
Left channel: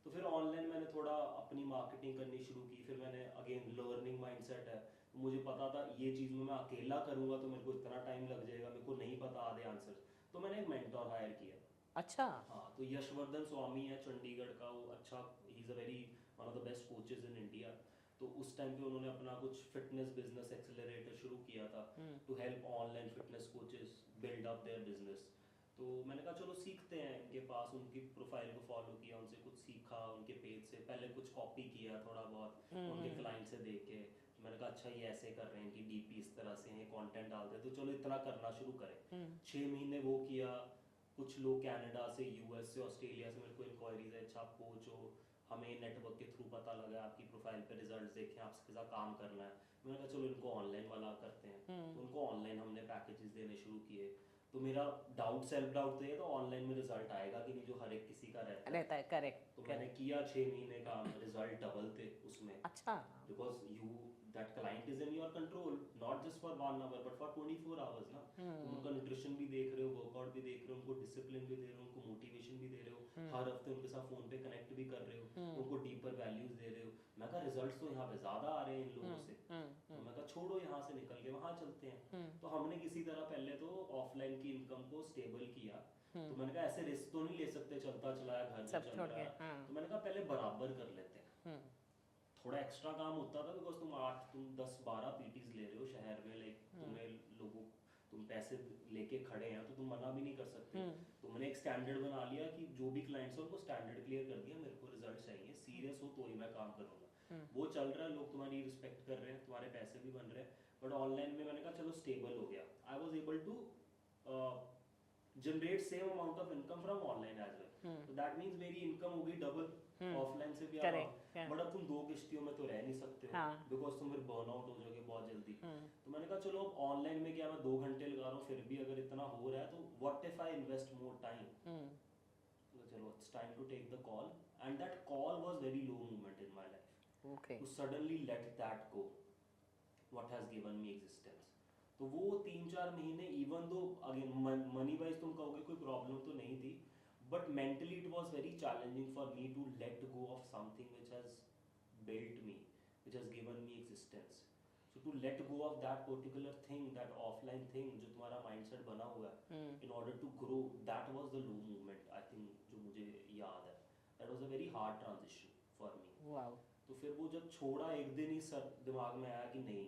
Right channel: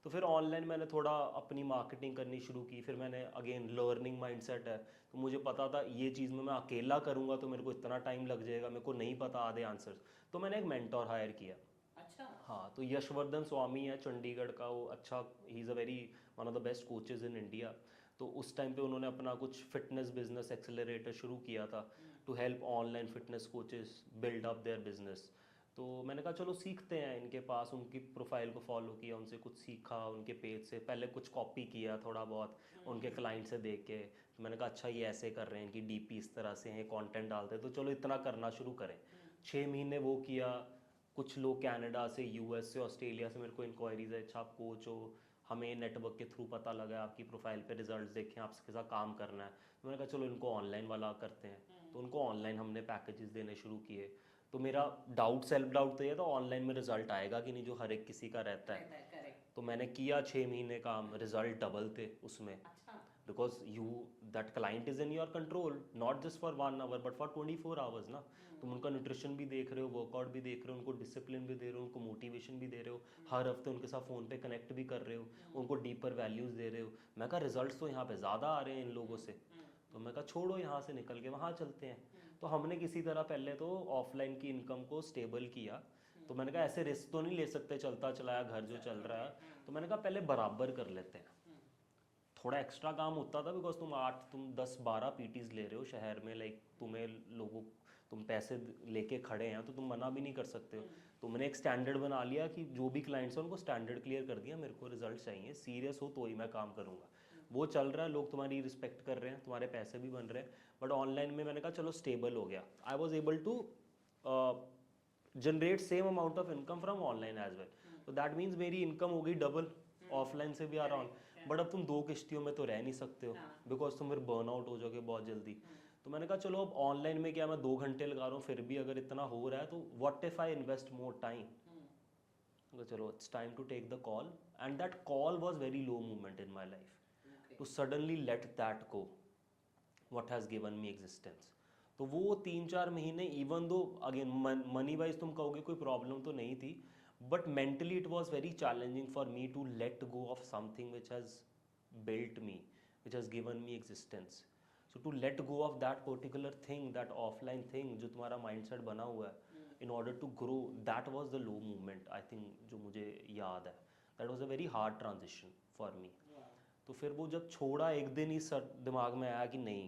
तो फिर ऑनलाइन मैंने थोड़ा अपनी मार्केटिंग करनी शुरू की. फिर मैंने अगेन लर्निंग माइंडसेट है, तो मुझे पता था ये चीज़ में मैं अकेला करूँगा तो मेरे को इतना टाइम लग जाएगा, मेरे को नहीं पता आधे आंसर्स. तो मैंने एक मेंटोर हायर किया. अच्छा. हाँ, तो यशवर्धन स्वामी है चंडीगढ़ का, वो अच्छा, he is a very one of the best coaches in India. तो उस टाइम पे उन्होंने अपना कुछ फिटनेस बिजनेस एक्सेलरेटर शुरू किया था to help online fitness coaches build up their business. तो मैंने कहा चलो सीखते हैं इनके पास. उनकी प्रोफाइल को फॉलो किया, उनसे कुछ सीखा, उनके पेज से पहले कुछ कॉपी किया थोड़ा बहुत उनके क्लाइंट से देख के. तो मैंने कहा अच्छा ये ऐसे कर रहे हैं, इनकी डीपी इस तरह से हैं, कंटेंट डालते हैं, तो चलो इतना करना शुरू करें. 6 महीने वो किया. कुछ लोग कनाडा से, यूएस से, ऑस्ट्रेलिया से मेरे को इंक्वायरीज है, अच्छा आप कोच हो, हमें नेटवर्क के थ्रू पता लगा आपकी प्रोफाइल पे रिजल्ट्स देखे, आपके साथ काम करना है. तो मैंने कहा चलो इनको ऑनलाइन वाला करते हैं. तो उनको ऑनलाइन हमने पैकेजेस देने शुरू किए. तो मेरा डाउट, सेल्फ डाउट तो ये था ऑनलाइन में रिजल्ट आएगा कि नहीं, जो हर एक किसी का रहता है. करेक्ट. तो मैंने किया 6 महीने काम, रिजल्ट डबल थे उसमें. अच्छा. Because you that client is in your control, not just for 1 hour but for 24 hours ना. तुम उनका न्यूट्रिशन भी देख रहे हो, वर्कआउट भी देख रहे हो, उनको डिसिप्लिन भी दे रहे हो, उनको मोटिवेशन भी दे रहे हो, हर हफ्ते उनके साथ फोन पे कनेक्ट भी कर रहे हो, उनको डीपर वैल्यूज दे रहे हो. मैं कहा रिजल्ट्स तो यहाँ पे ज्यादा आ रहे हैं इन लोगों से. तो मैं कहा छोड़ो यहाँ से निकल के वहाँ चलते हैं. तो हमने किसी तरह पहले तो ऑफलाइन की इनकम को स्टेबल किया. तो मैंने कहा ऐसे रिस्क तो नहीं ले सकते, चलता चलाया घर जो चल रहा है. तो मैंने कहा पहले बराबर कर लेते हैं. थोड़ा एक्स्ट्रा काम होता था बिकॉज तुम 10-12 पीटीज ले रहे हो शहर में, लाइक तुम पैसे लेके खड़े हैं तो तुम मना भी नहीं कर सकते हो. तुमने एक स्टैंडर्ड बना लिया कि जो भी क्लाइंट्स हैं उनको स्टैंडर्ड क्लियर कर दिया, मेरे को रिजल्ट चाहिए, सीरियस हो तो ही मैं काम करूंगा. वो चल रहा है, लोग तुम्हारी रिस्पेक्ट कर रहे हैं, तुम्हारे पैसे भी बन रहे हैं. बट ऑनलाइन में मैंने कहा चलो स्टेबल हो गया. I was able to generate same amount of income from online as well. तो दैट मीन्स मेरी इनकम हो गई डबल, ऑफलाइन से भी आ रहा हूँ. बट अब तुम 2 किश्तियों में तो रह नहीं सकते हो बिकॉज तुम फिर बर्न आउट हो जाओगे बहुत जल्दी. तो मैंने कहा चलो अब ऑनलाइन में क्या, मैं 2 घंटे लगा रहा हूँ, फिर भी अगर इतना हो रहा है तो what if I invest more time. तो चलो it's time to take the call, and that call was very low movement in my life. Okay. to suddenly let that go, what has given me existence. तो वो 3-4 महीने, even though again money wise तुम कहोगे कोई problem तो नहीं थी, but mentally it was very challenging for me to let go of something which has built me, which has given me existence. So to let go of that particular thing, that offline thing जो तुम्हारा mindset बना हुआ है, in order to grow, that was the low moment, I think, जो मुझे याद है. That was a very hard transition for me. Wow. तो फिर वो जब छोड़ा, एक दिन ही सर दिमाग में आया कि नहीं,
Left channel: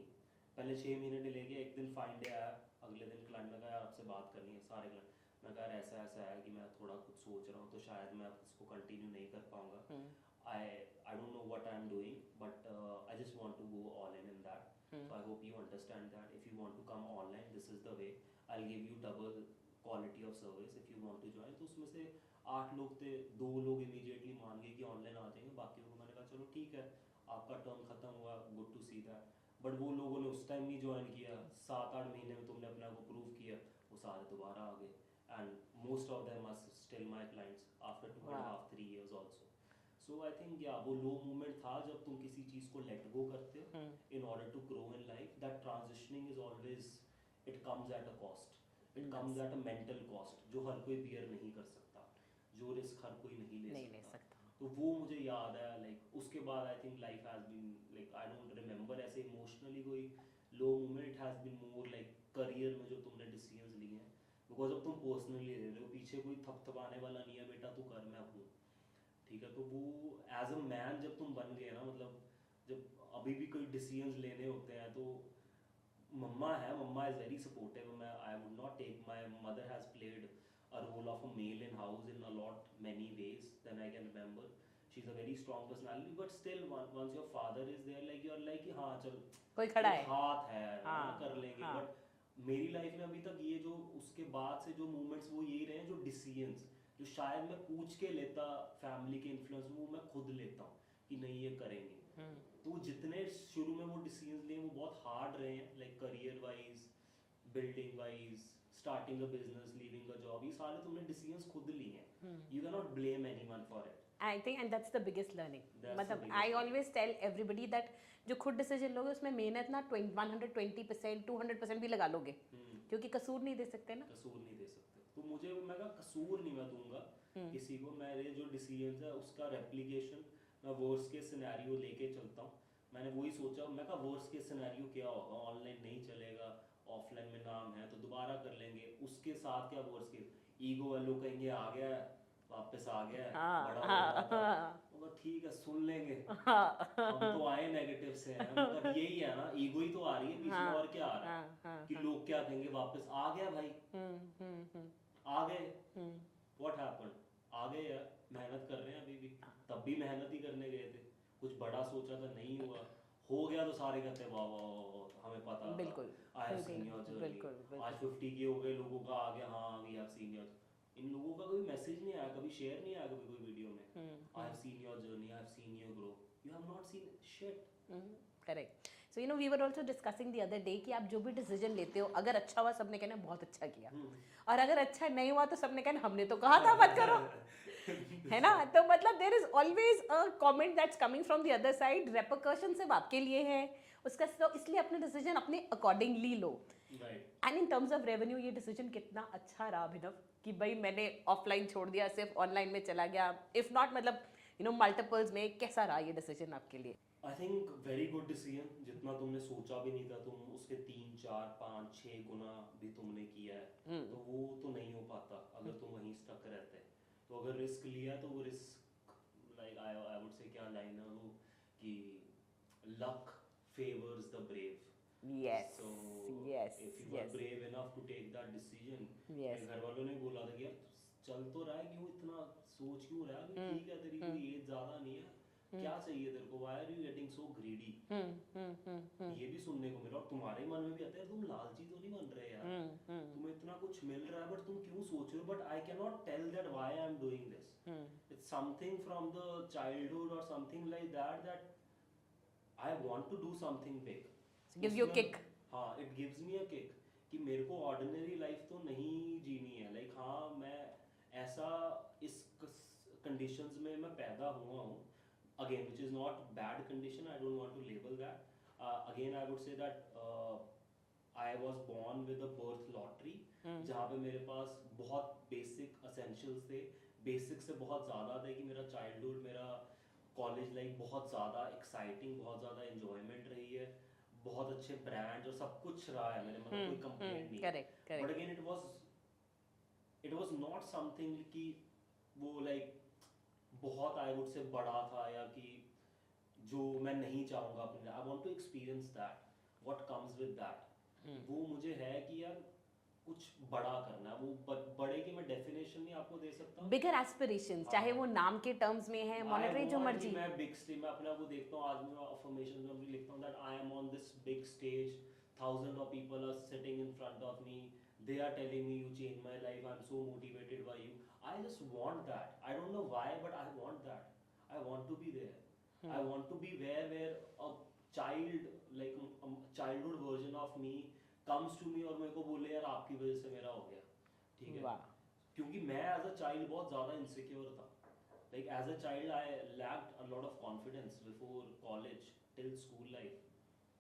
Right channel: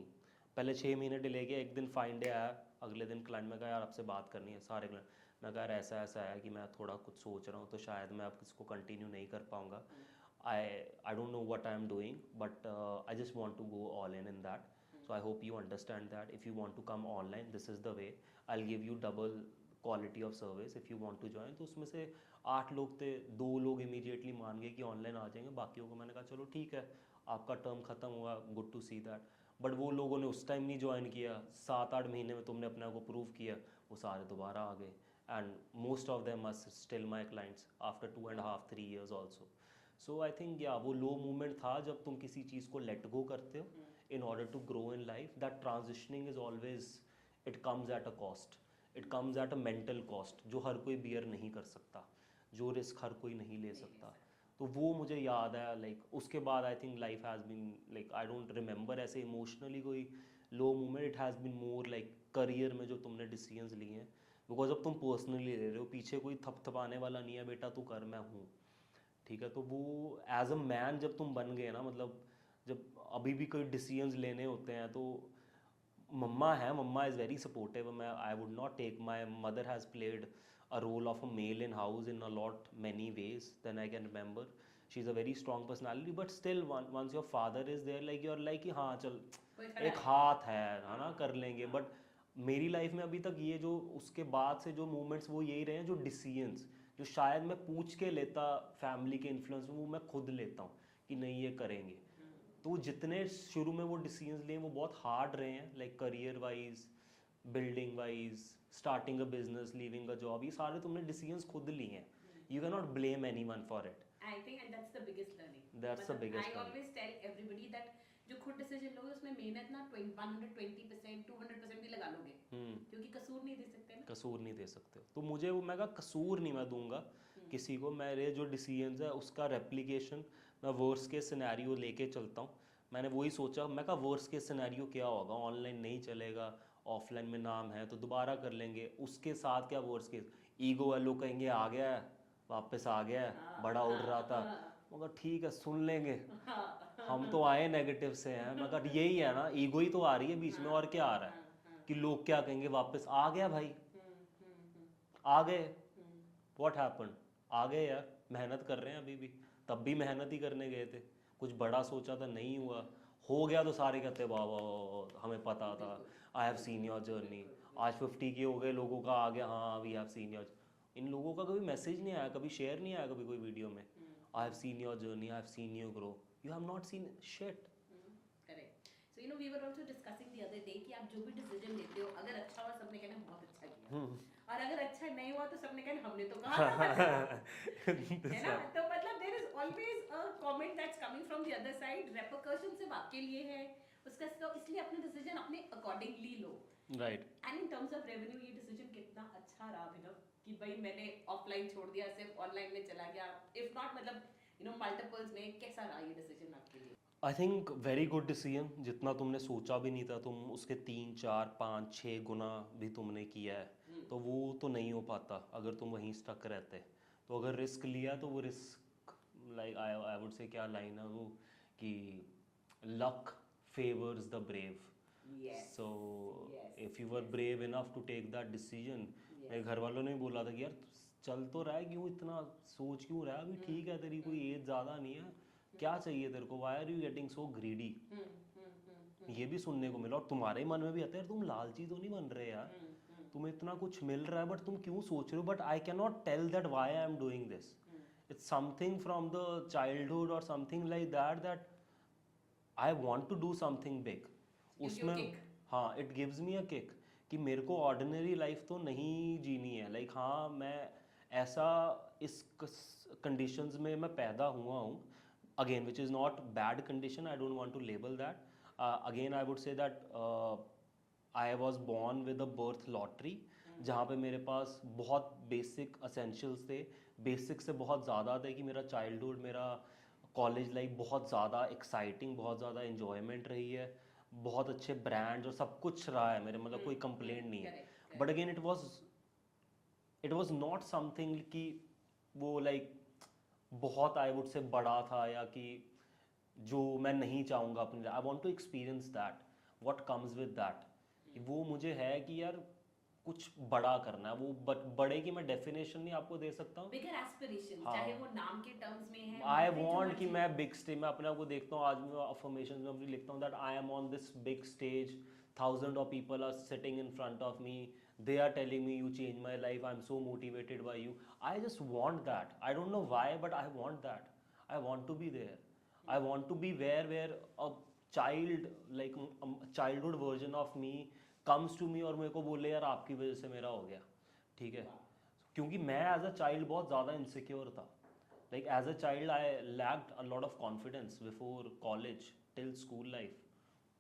पहले 6 महीने डिले किया, एक दिन फाइन डे आया, अगले दिन क्लाइंट में कहा यार आपसे बात करनी है, सारे क्लाइंट, मैं कहा ऐसा ऐसा है कि मैं थोड़ा कुछ सोच रहा हूँ, तो शायद मैं अब इसको कंटिन्यू नहीं कर पाऊँगा. I don't know what I'm doing, but I just want to go all in that. So I hope you understand that if you want to come online, this is the way. I'll give you double quality of service if you want to join. तो उसमें से 8 लोग थे, 2 लोग immediately मान गए कि online आ जाएंगे, बाकियों को मैंने कहा चलो ठीक है, आपका टर्म खत्म हुआ, good to see that. But वो लोगों ने उस टाइम नहीं ज्वाइन किया, 7-8 महीने में तुमने अपने आप को प्रूव किया, वो सारे दोबारा आ गए. And most of them are still my clients after 2.5-3 years also. So I think yeah वो लो मोमेंट था जब तुम किसी चीज़ को लेट गो करते हो in order to grow in life. That transitioning is always, it comes at a cost, it comes at a mental cost जो हर कोई बियर नहीं कर सकता, जो रिस्क हर कोई नहीं ले सकता. तो वो मुझे याद है. लाइक उसके बाद I think life has been like, I don't remember ऐसे इमोशनली कोई low moment. It has been more like career में जो तुमने डिसीजंस लिए हैं, बिकॉज अब तुम पर्सनली ले रहे हो, पीछे कोई थपथपाने वाला नहीं है, बेटा तू कर, मैं हूँ, ठीक है. तो वो एज अ मैन जब तुम बन गए ना, मतलब जब अभी भी कोई डिसीजंस लेने होते हैं, तो मम्मा है, मम्मा इज़ वेरी सपोर्टिव. मैं I would not take, my mother has played a role of a male in house in a lot many ways than I can remember. She's a very strong personality, but still once your father is there, like you're like कि हाँ चल कोई खड़ा एक है. हाथ है ना, कर लेंगे. बट मेरी लाइफ में अभी तक ये जो उसके बाद से जो मूवमेंट्स वो यही रहे हैं, जो डिसीजंस जो शायद मैं पूछ के लेता फैमिली के इन्फ्लुएंस में, वो मैं खुद लेता हूँ कि नहीं ये करेंगे. तो जितने शुरू में वो डिसीजंस लिए वो बहुत हार्ड रहे हैं, like career wise, building wise, starting a business, leaving a job, ये सारे तुमने डिसीजंस खुद लिए हैं. You can not blame anyone for it. I think and that's the biggest learning. That's the मतलब biggest I learning. always tell everybody that जो खुद decision लोगे उसमें मेहनत ना 120%, 200% भी लगा लोगे, क्योंकि कसूर नहीं दे सकते ना. कसूर नहीं दे सकते. तो मुझे वो, मैं कहा कसूर नहीं मैं दूंगा किसी को. मेरे जो डिसीजंस है उसका रेप्लिकेशन मैं वर्स्ट के सिनेरियो लेके चलता हूँ. मैंने वही सोचा, मैं कहा वर्स्ट के सिनेरियो क्या होगा, ऑनलाइन नहीं चलेगा, ऑफलाइन में नाम है तो दोबारा कर लेंगे, उसके साथ क्या वर्स्ट केस. ईगो है, लोग कहेंगे आ गया है, वापस आ गया है, बड़ा उड़ रहा था, मगर ठीक है सुन लेंगे, हम तो आए नेगेटिव से हैं, मगर यही है ना, ईगो ही तो आ रही है बीच में, और क्या आ रहा है कि लोग क्या कहेंगे, वापस आ गया भाई, आ गए, व्हाट हैपेंड, आ गए यार, मेहनत कर रहे हैं अभी भी, तब भी मेहनत ही करने गए थे, कुछ बड़ा सोचा था नहीं हुआ, हो गया तो सारे कहते वाह वाह हमें पता था, आई हैव सीन योर जर्नी. आज 50 के हो गए, लोगों का आ गया हाँ वी हैव सीन योर. इन लोगों का कभी मैसेज नहीं आया, कभी शेयर नहीं आया कभी कोई वीडियो में, I have seen your journey, I have seen you grow. You have not seen shit. Correct. So you know we were also discussing the other day कि आप जो भी डिसीजन लेते हो, अगर अच्छा हुआ सबने कहना बहुत अच्छा किया, और अगर अच्छा नहीं हुआ तो सबने कहना हमने तो कहा था मत करो. है ना. तो मतलब there is always a comment that's coming from the other side. Repercussion सिर्फ आपके लिए है उसका, तो इसलिए अपना डिसीजन अपने accordingly low. Right. And in terms of revenue ये डिसीजन कितना अच्छा रहा अभिनव कि भाई मैंने ऑफलाइन छोड़ दिया, सिर्फ ऑनलाइन में चला गया, इफ नॉट मतलब यू नो मल्टीपल्स में. कैसा रहा ये डिसीजन आपके लिए? I think very good decision. जितना तुमने सोचा भी नहीं था, तुम उसके 3-4-5-6 गुना भी तुमने किया है. तो वो तो नहीं हो पाता अगर तुम वहीं स्टक रहते. तो अगर रिस्क लिया तो वो रिस्क, लाइक आई वुड से, क्या लाइन है वो कि luck favours the brave. Yes. So Yes. if you were Yes. brave enough to take that decision, मेरे Yes. घर वालों ने बोला था कि यार चल तो रहा है, क्यों इतना सोच क्यों रहा है, अभी ठीक है, तेरी कोई एज ज़्यादा नहीं है, क्या चाहिए तेरे को, why are you getting so greedy. ये भी सुनने को मिला, और तुम्हारे मन में भी आता है यार तुम लालची तो नहीं बन रहे यार, तुम्हें इतना कुछ मिल रहा है बट तुम क्यों सोच रहे हो. But I can not tell that why I am doing this. It's something from the childhood और something like that I want to do something big. Gives you a kick. हाँ, it gives me a kick कि मेरे को ordinary life तो नहीं जीनी है. Like हाँ, मैं ऐसा इस कंडीशंस में मैं पैदा हुआ हूँ, again, which is not bad condition. I don't want to label that. Again, I would say that I was born with a birth lottery, जहाँ पे मेरे पास बहुत basic essentials थे, basic से बहुत ज़्यादा थे कि मेरा childhood, मेरा कॉलेज लाइफ बहुत ज़्यादा एक्साइटिंग, बहुत ज़्यादा इन्जॉयमेंट रही है, बहुत अच्छे ब्रांड्स और सब कुछ रहा है मेरे, मतलब कोई कंप्लेंट नहीं है. But again it was not something कि वो लाइक बहुत आई वुड से बड़ा था, या कि जो मैं नहीं चाहूँगा अपने, I want to experience that what comes with that. वो मुझे है कि यार कुछ बड़ा करना है. वो बड़े की मैं डेफिनेशन नहीं आपको दे सकता हूँ. बिगर एस्पिरेशंस, चाहे वो नाम के टर्म्स में है, आई monetary, जो वांट कि मर्जी. मैं बिग स्टेज में अपने आप को देखता हूँ. आज मैं अफर्मेशन में अपनी लिखता हूँ that I am on this big stage, thousands of people are sitting in front of me, they are telling me you changed my life, I'm so motivated by you. I just want that. I don't know why, but I want that. I want to be there. I want to be where a child, like a childhood version of me comes to me और मेरे को बोले यार आपकी वजह से मेरा हो गया. ठीक है. क्योंकि मैं एज अ चाइल्ड बहुत ज़्यादा इनसिक्योर था. Like as a child, I lacked a lot of confidence before college till school life.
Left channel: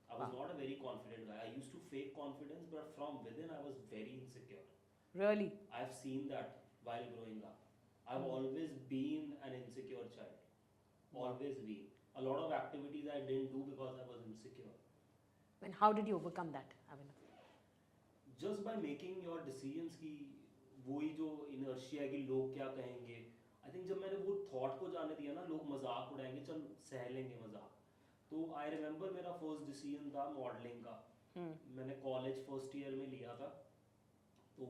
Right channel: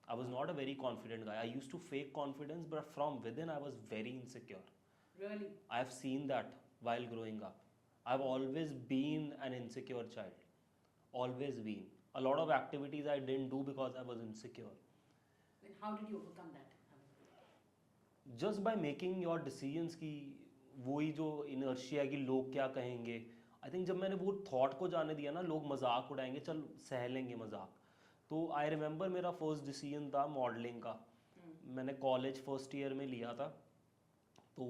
I was not a very confident guy. I used to fake confidence, but from within, I was very insecure. Really? I have seen that while growing up. I've always been an insecure child. Always been. A lot of activities I didn't do because I was insecure. And how did you overcome that, Abhinav? Just by making your decisions की वही जो inertia कि लोग क्या कहेंगे. I think जब मैंने वो thought को जाने दिया ना, लोग मजाक उड़ाएंगे, चल सह लेंगे मजाक. तो आई रिमेंबर मेरा फर्स्ट डिसीजन था मॉडलिंग का. मैंने कॉलेज फर्स्ट ईयर में लिया था. तो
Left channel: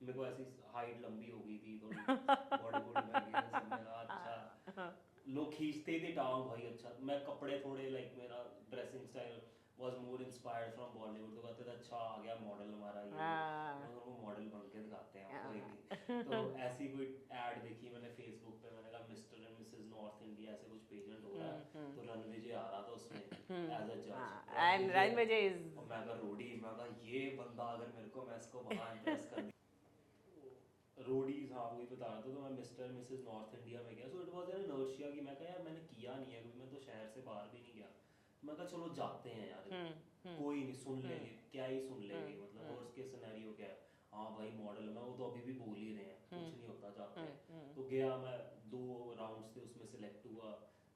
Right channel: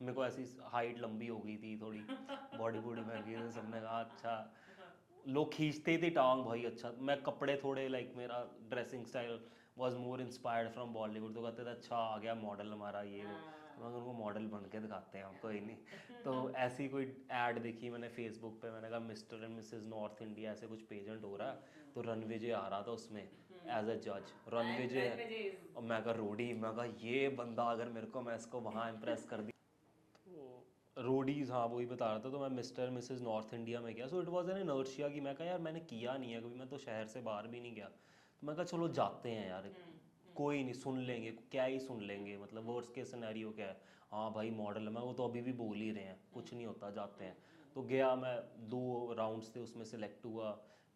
मेरे को ऐसी हाइट लंबी हो गई थी थोड़ी, बॉडी बॉडी में गई, सबने कहा अच्छा, लोग खींचते थे टांग भाई. अच्छा, मैं कपड़े थोड़े लाइक मेरा dressing style was more inspired from Bollywood. तो कहते थे अच्छा आ गया मॉडल हमारा ये. मगर उनको मॉडल बन के दिखाते हैं हम, कोई नहीं. तो ऐसी कोई ऐड देखी मैंने फेसबुक पे, मैंने कहा mister and Mrs north India ऐसे कुछ पेजेंट हो रहा है. तो रणविजय आ रहा था उसमें एज अ जज. रणविजय. और मैं कहा रोडी, मैं कहा ये बंदा अगर मेरे को, मैं इसको वहाँ इम्प्रेस कर दी. रोडीज, हाँ वही बता रहा था. तो मैं मिस्टर मिसेस नॉर्थ इंडिया में गया. So it was an inertia कि मैं कहा यार मैंने किया नहीं है कभी, मैं तो शहर से बाहर भी नहीं गया. तो मैं कहा चलो जाते हैं यार, कोई नहीं, सुन लेंगे, क्या ही सुन लेंगे, मतलब वर्स्ट केस सिनेरियो क्या है. हाँ भाई मॉडल में वो तो अभी भी बोल ही रहे हैं, कुछ नहीं होता, जाते हैं. तो गया मैं, 2 राउंड्स थे उसमें सेलेक्ट हुआ.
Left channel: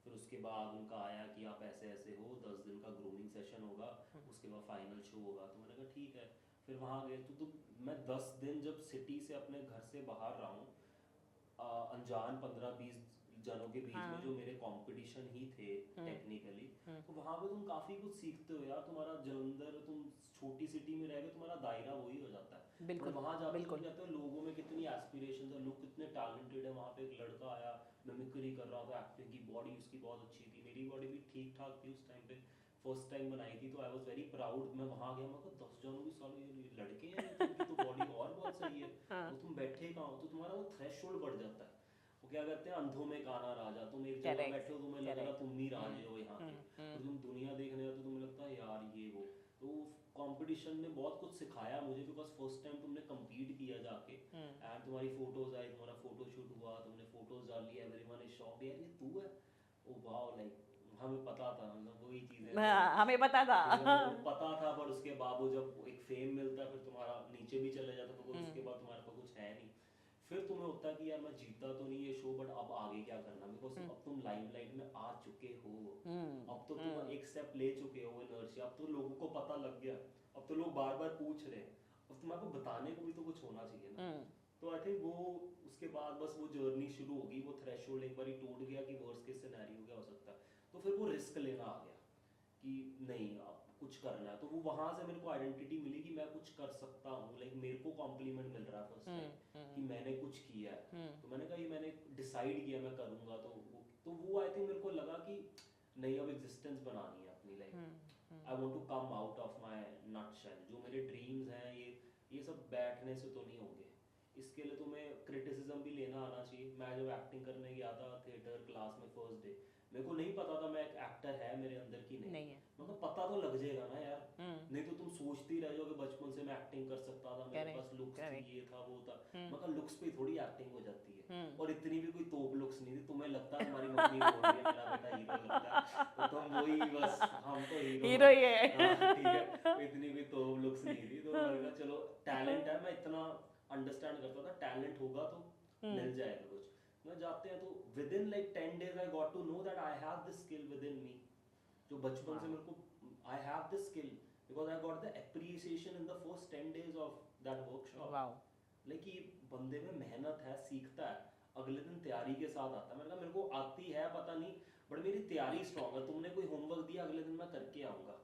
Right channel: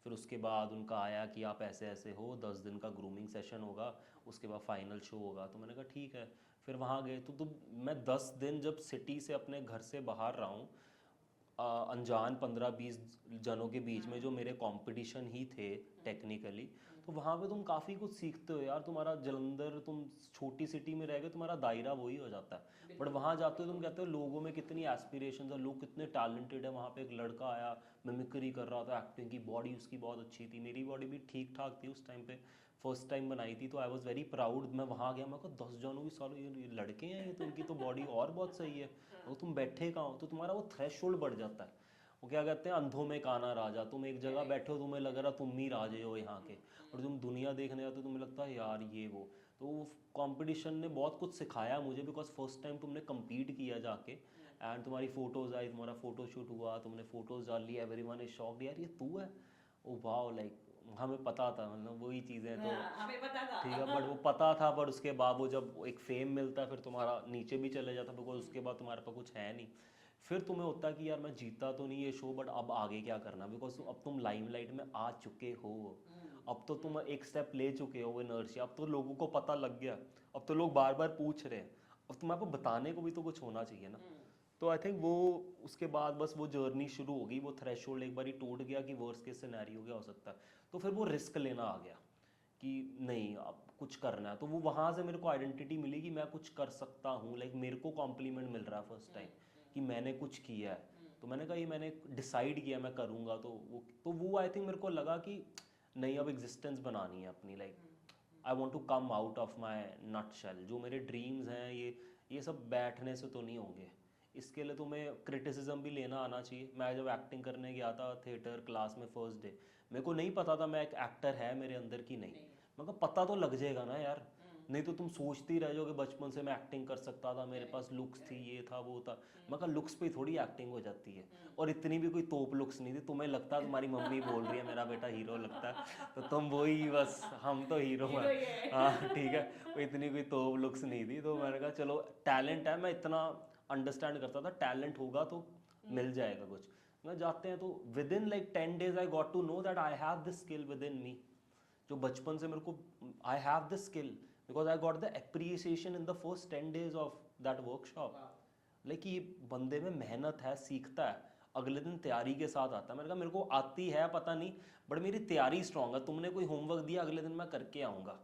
फिर उसके बाद उनका आया कि आप ऐसे ऐसे हो, 10 दिन का ग्रूमिंग सेशन होगा, उसके बाद फाइनल शो होगा. तो मैंने कहा ठीक है. फिर वहाँ गए तो मैं 10 दिन जब सिटी से अपने घर से बाहर रहा हूँ, अनजान 15-20 जनों के बीच में जो मेरे कंपटीशन ही थे टेक्निकली. तो वहाँ पे तुम काफ़ी कुछ सीखते हो यार. तुम्हारा जलंधर, तुम छोटी सिटी में रह गए, तुम्हारा दायरा वही हो जाता है. बट वहाँ जाते हो तुम कहते हो लोगों में कितनी एस्पिरेशन है, लोग कितने टैलेंटेड है. वहाँ पे एक लड़का आया, मिमिक्री कर रहा था, एक्टिंग की, बॉडी उसकी बहुत अच्छी थी, मेरी बॉडी भी ठीक ठाक थी उस टाइम पे, फर्स्ट टाइम बनाई थी. तो आई वॉज वेरी प्राउड. मैं वहाँ गया, मैं कहा 10 जनों की सालों ये लड़के हैं, ये तो इनकी तो बॉडी और बहुत सही है. तो तुम बैठे कहाँ हो, तो तुम्हारा वो थ्रेशोल्ड बढ़ जाता है. वो क्या कहते हैं, अंधों में काना राजा. तुम एक जगह बैठे हो, तुम्हें लग रहा तुम ही राजे हो यहाँ के, और तुम दुनिया देखने आते हो तुम्हें लगता है यार ये वो. तो वो कंपटीशन ने बहुत कुछ सिखाया मुझे, बिकॉज फर्स्ट टाइम तुमने compete किया जाके, एंड तुम्हारी फोटोज आई, तुम्हारा फोटोशूट हुआ, तुमने फोटोज डाल ली, एवरीवन इज शॉक्ड यार ये तू है. ओ वाओ, लाइक हमें पता था, मतलब वही चीज़ें हमें पता था. ठीक है, वो पता था. बट उसके बाद वो जब एक फेम मिलता है, फिर तुम्हारा नीचे भी चले जाता, बिकॉज उसके बाद तुम्हारे पास कुछ है नहीं. फिर तुम्हें होता है कि यार मैं जीता तो नहीं ये शो, बट अब आगे क्या करना, बिकॉज अब तुम लाइमलाइट में आ चुके हो. अब तो तुम एक स्टेप ले चुके हो इनर्शिया. अब तो लोगों को पता लग गया, अब तो लोग बार बार पूछ रहे हैं, अब तुम्हारे को बताने को भी तो कुछ होना चाहिए ना. तो आई थिंक वो उसके बाद बस वो जर्नी शुरू होगी. वो थ्रेशोल्ड एक बार ही टूट गया कि वर्स्ट केस सिनेरियो क्या हो सकता है. तो फिर वो रिस्क लेना आ गया कि नहीं अब कुछ करना है. तो वो वहाँ से मेरे को आइडेंटिटी मिली कि मैं कुछ कर सकता हूँ. लाइक मेरे को कॉम्प्लीमेंट मिल रहा है फर्स्ट टाइम कि मैंने कुछ किया है. तो मैंने कहा ये मैंने डिसाइड किया मैं करूँगा. तो वो आई थिंक मेरे को लगा कि नहीं अब एग्जिस्टेंस बनानी है अपनी. Like I want to come out of my nutshell. जो मेरे ड्रीम्स हैं ये सब बैठने से तो नहीं होंगे. इसके लिए तुम्हें क्रिटिसिज्म भी लेना आना चाहिए। मैं जब एक्टिंग करने गया था थिएटर क्लास में फर्स्ट डे, मेरे को नहीं पता था मैं एक एक्टर है मेरे अंदर की नहीं। नहीं है। मतलब पता तो लग जाएगा ना यार, नहीं तो तुम सोचती रह जाओगे बचपन से मैं एक्टिंग कर सकता था, मेरे पास लुक्स थी, ये था वो था। मगर लुक्स पे थोड़ी एक्टिंग हो जाती है, और इतनी भी कोई तोप लुक्स नहीं थी। तुम्हें लगता है तुम्हारी मम्मी बोल रही है मेरा बेटा हीरो लगता है, तो तुम वही बस हम तो हीरो हीरो ही है। हाँ ठीक है, वो इतनी कोई तोप लुक्स नहीं थी। तो मैंने कहा चलो टैलेंट है, मैं इतना अंडरस्टैंड करता था टैलेंट होगा तो मिल जाएगा कुछ। मैं जाते हैं तो within like 10 days I got to know that I have this skill within me, जो बचपन से मेरे को I have this skill because I got the appreciation in the first 10 days of that workshop. Like ये बंदे में मेहनत है, सीखता है, अगले दिन तैयारी के साथ आता है। मैंने कहा मेरे को आती है पता नहीं, बट मेरी तैयारी स्ट्रांग है। तुमने कोई होमवर्क दिया अगले दिन मैं करके आऊँगा।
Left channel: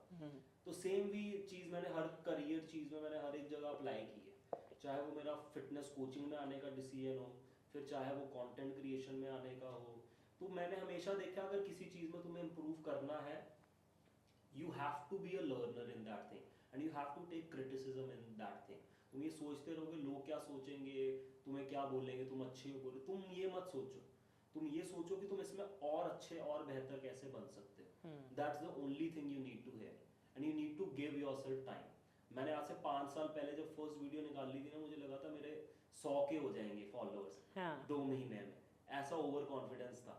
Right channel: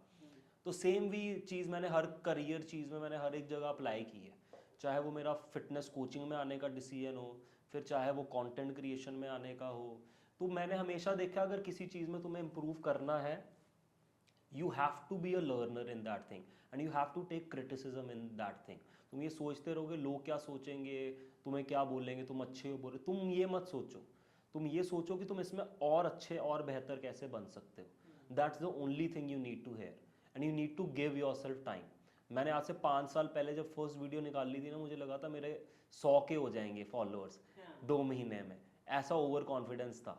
तो सेम भी चीज़ मैंने हर करियर चीज़ में मैंने हर एक जगह अप्लाई की है, चाहे वो मेरा फिटनेस कोचिंग में आने का डिसीजन हो, फिर चाहे वो कंटेंट क्रिएशन में आने का हो। तो मैंने हमेशा देखा अगर किसी चीज़ में तुम्हें इम्प्रूव करना है, you have to be a learner in that thing and you have to take criticism in that thing। तुम ये सोचते रहोगे लोग क्या सोचेंगे, तुम्हें क्या बोलेंगे, तुम अच्छे हो बोले, तुम ये मत सोचो। तुम ये सोचो कि तुम इसमें और अच्छे और बेहतर कैसे बन सकते हो। That's the only thing you need to hear and you need to give yourself time. मैंने आज से 5 साल पहले जब फर्स्ट वीडियो निकाल ली थी ना, मुझे लगा था मेरे 100 के हो जाएंगे फॉलोअर्स 2 महीने में, ऐसा ओवर कॉन्फिडेंस था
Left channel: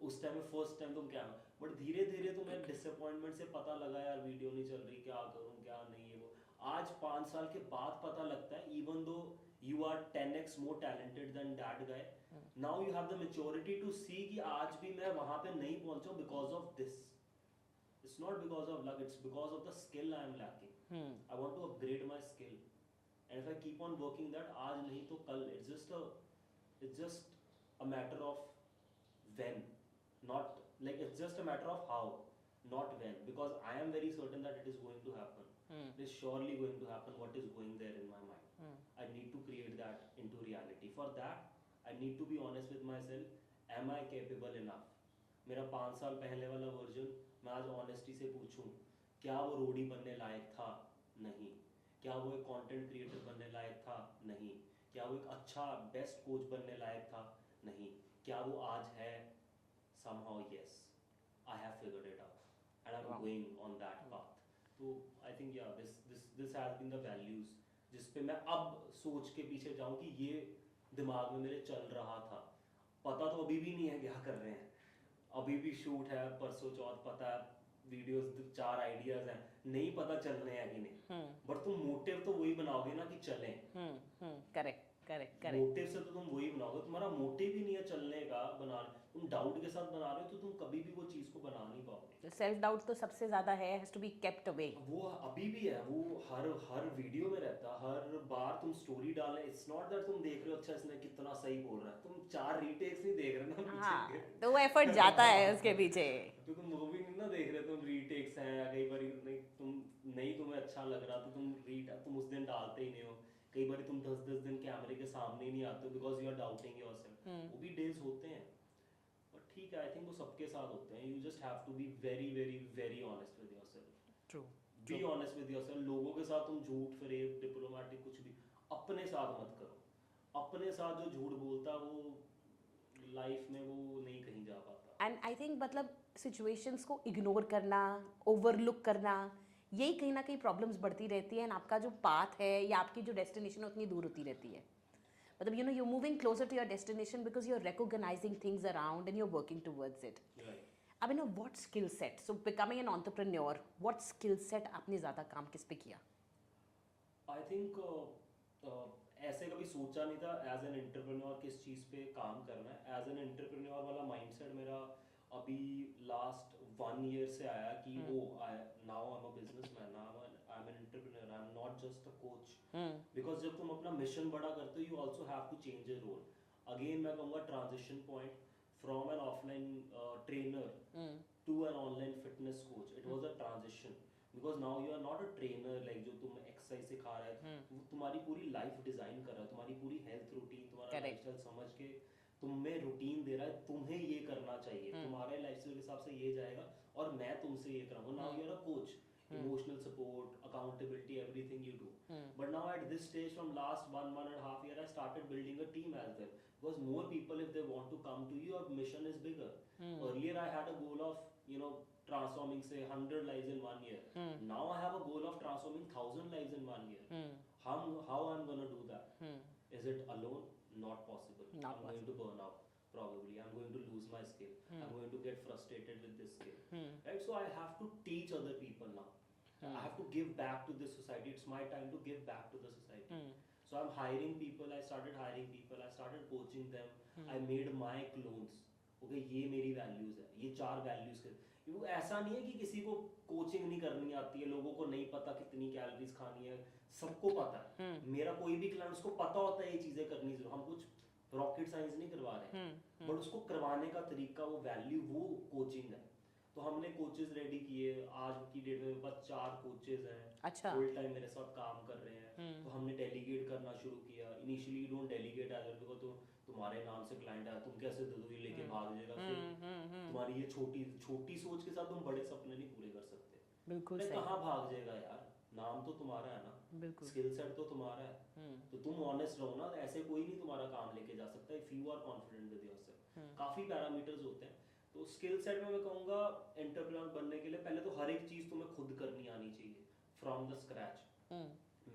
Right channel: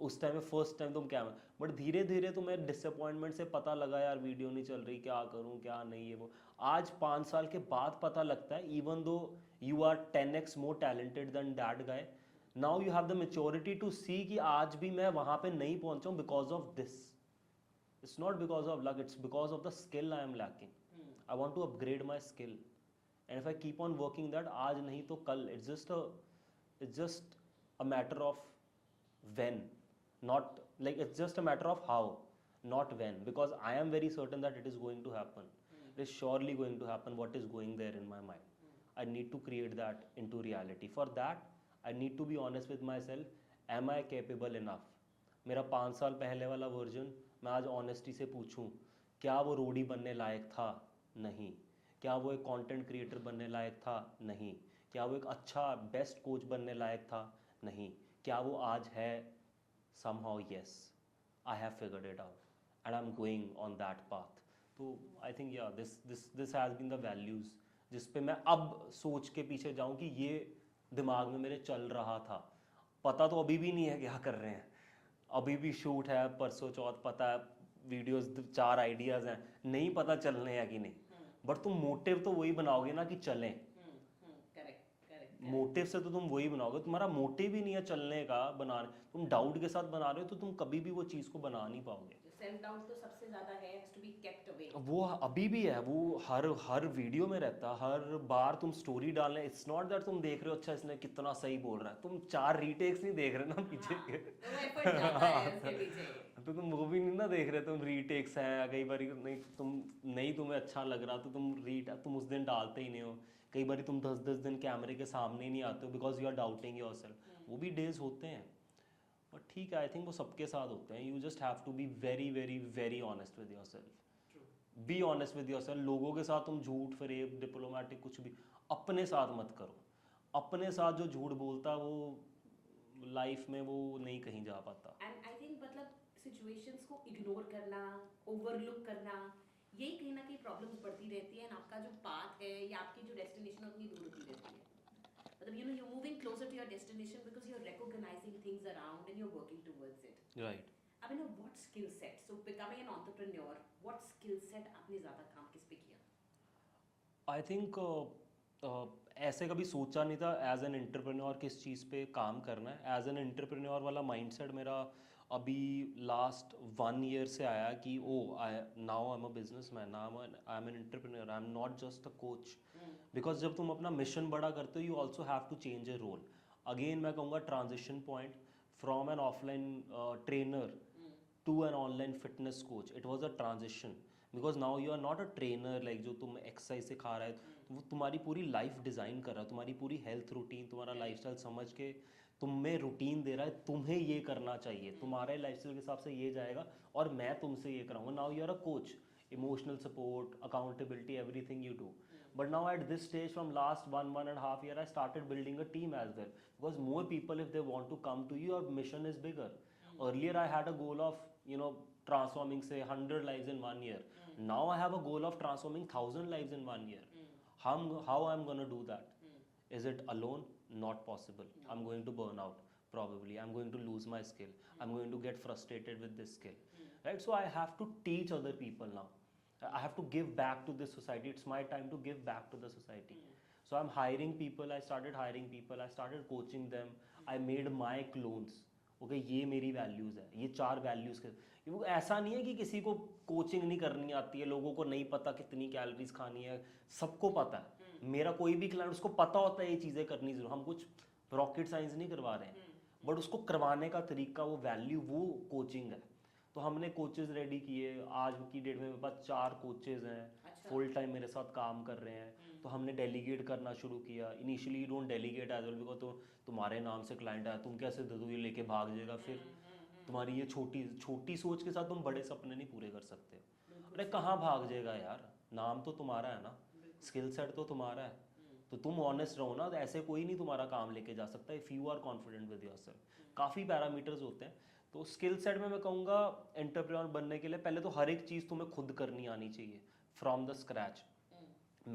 उस टाइम में। फर्स्ट टाइम तुम क्या, बट धीरे धीरे तुम्हें डिसअपॉइंटमेंट से पता लगा यार वीडियो नहीं चल रही, क्या करूं क्या नहीं है वो। आज 5 साल के बाद पता लगता है even though you are 10x more talented than that guy, now you have the maturity to see कि आज भी मैं वहां पे नहीं पहुंचा हूं because of this. It's not because of luck, it's because of the skill I am lacking. I want to upgrade my skill. And if I keep on working that, आज नहीं तो कल, it's just a matter of when, not like it's just a matter of how, not when, because I am very certain that it is going to happen. It is surely going to happen what is going there in my mind. I need to create that into reality. For that, I need to be honest with myself. Am I capable enough? मेरा 5 साल पहले वाला version मैं आज honesty से पूछूं, क्या वो रोडी बनने लायक था? नहीं। क्या वो एक कंटेंट क्रिएटर बनने लायक था? नहीं। क्या वो एक अच्छा बेस्ट कोच बनने लायक था? नहीं। क्या वो आज है? somehow yes, I have figured it out and I'm going on that path. तो I think yeah, this has been the values जिस पे मैं अब सोच के पीछे जाऊं कि ये दिमाग में मेरे चल रहा था। पता तो अभी भी नहीं है क्या कर रहे हैं, अभी भी शूट है परसों चौथ, पता है वीडियोस 4 आइडियाज हैं, नहीं पता चलने हैं कि नहीं, बट तुम मोटिव तो वही बनाओगे ना कि चलें। करेक्ट करेक्ट मोटिव से तो तुम वही बनाओगे, तुम्हारा मोटिव ही नहीं है चलने का, बनाने, तुम डाउट के साथ बना रहे हो तो तुम कभी भी वो चीज को बना नहीं पाओगे। सेल्फ डाउट तो सबसे ज्यादा है, has to be kept away. वो अभी भी है, वो हर वीडियो में रहता है, हर बार तुम स्टोरी डालने, इट्स नॉट दैट तुम देख रहे हो अच्छा इसने कितना सही बोल रहा है, तुम 4 रीटेक्स नहीं देख रहे ना पीछे के। तो वो एफर्ट जाता है उसके पीछे। तो तुम वो भी नहीं ना देख रहे, तुम रीटेक्स हैं, कई बार नहीं तुम्हें अच्छा लग रहा तो तुम उस दिन डालते ही नहीं हो, कई बार तुम 10-10 दिन कैमरे के सामने ही नहीं आते हो because you are doubting yourself. वो भी डेज होते हैं, बट ठीक है, आई थिंक वो सबके साथ होते हैं। You just have to be very very very honest with yourself. True, be honest with yourself. लोगों के साथ तुम झूठ फरेब डिप्लोमेटिक कुछ भी अपने साथ मत करो। अपने साथ जो झूठ बोलता वो लाइफ में वो नहीं कहीं जा पाता। एंड आई थिंक मतलब सिचुएशंस को इग्नोर करना, ओवरलुक करना, यही कहीं ना कहीं प्रॉब्लम्स बढ़ती रहती है, एंड आपका जो पाथ है या आपकी जो डेस्टिनेशन है उतनी दूर होती रहती है। मतलब you know you moving closer to your destination because you are recognising things around and you are working towards it. Right. अब you know what skill set, so becoming an entrepreneur, what skill set आपने ज़्यादा काम किस पे किया? I think ऐसे कभी सोचा नहीं था एज एन एंटरप्रेन्योर किस चीज़ पे काम करना है। एज एन एंटरप्रेन्योर वाला माइंडसेट मेरा अभी लास्ट 1 year से आया कि oh now I am a businessman, now I am an entrepreneur, I am not just a coach. Because जब तुम अपना मिशन बड़ा करते हो you also have to change a role. Again मैं कहूँगा transition point from an offline trainer to an online fitness coach, it was a transition because now you are not a trainer like जो तुम exercise सिखा रहा है, वो तुम्हारी पूरी लाइफ डिज़ाइन कर रहा है, तुम्हारी पूरी हेल्थ रूटीन, तुम्हारा लाइफस्टाइल समझ के तुम्हें रूटीन दे रहा है, तुम्हें ये करना चाहिए, तुम्हारे लाइफस्टाइल के हिसाब से ये जाएगा और मैं तुमसे ये कराऊंगा। Now you are a coach, emotional support, accountability, everything you do. But now at this stage, from last 1.5 year, I started building a team as well, because more people, if they want to come to you, your mission is bigger. Earlier I had a goal of, you know, transforming say 100 lives in 1 year. Now I have a goal of transforming 1,000 lives in 1 year. How I'm going to do that? Is it alone? Not possible. I'm going to burn out probably. I'm going to lose my skill. I'm going to get frustrated with this skill. Right? So I have to teach other people now. I have to give back to this society. It's my time to give back to the society. So I'm hiring people. I started hiring people. I started coaching them. I made my clones. Okay ये मेरी values है, ये 4 values के वो ऐसा नहीं है कि किसी को कोचिंग नहीं करनी आती है, लोगों को नहीं पता कितनी कैलोरीज खानी है, सबको पता है। मेरा कोई भी क्लाइंट उसको पता होता है ये चीज़ें करनी जरूर, हम कुछ रॉकेट साइंस नहीं करवा रहे हैं, बट उसको करवाने का तरीका, वो वैल्यू, वो कोचिंग है। तो हमने कोचेज रेडी किए। आज की डेट में मेरे पास 4 कोचेज हैं, अच्छा। फुल टाइम मेरे साथ काम कर रहे हैं। तो हमने डेलीगेट करना शुरू किया। Initially you don't delegate as well, because तो तुम्हारे नाम से क्लाइंट आया, तुम कैसे दे दो, ये लेके भाग जाएगा, फिर तुम्हारी ये छोटी सोच के साथ तुम बड़े सपने नहीं पूरे कर सकते। बिल्कुल अरे कहाँ भाग जाएगा यार, नाम तो तुम्हारा है ना, स्किल सेट तो तुम्हारा है, तो तुम ऑनेस्ट रहो ना। तो ऐसे कोई नहीं तुम्हारा काम लेके जा सकता if you are confident with yourself. काफ़ी पैरामीटर्स होते हैं। तो स्किल सेट में मैं कहूँगा एंटरप्रेन्योर बनने के लिए पहले तो हर एक चीज़ तुम्हें खुद करनी आनी चाहिए फ्रॉम द स्क्रैच।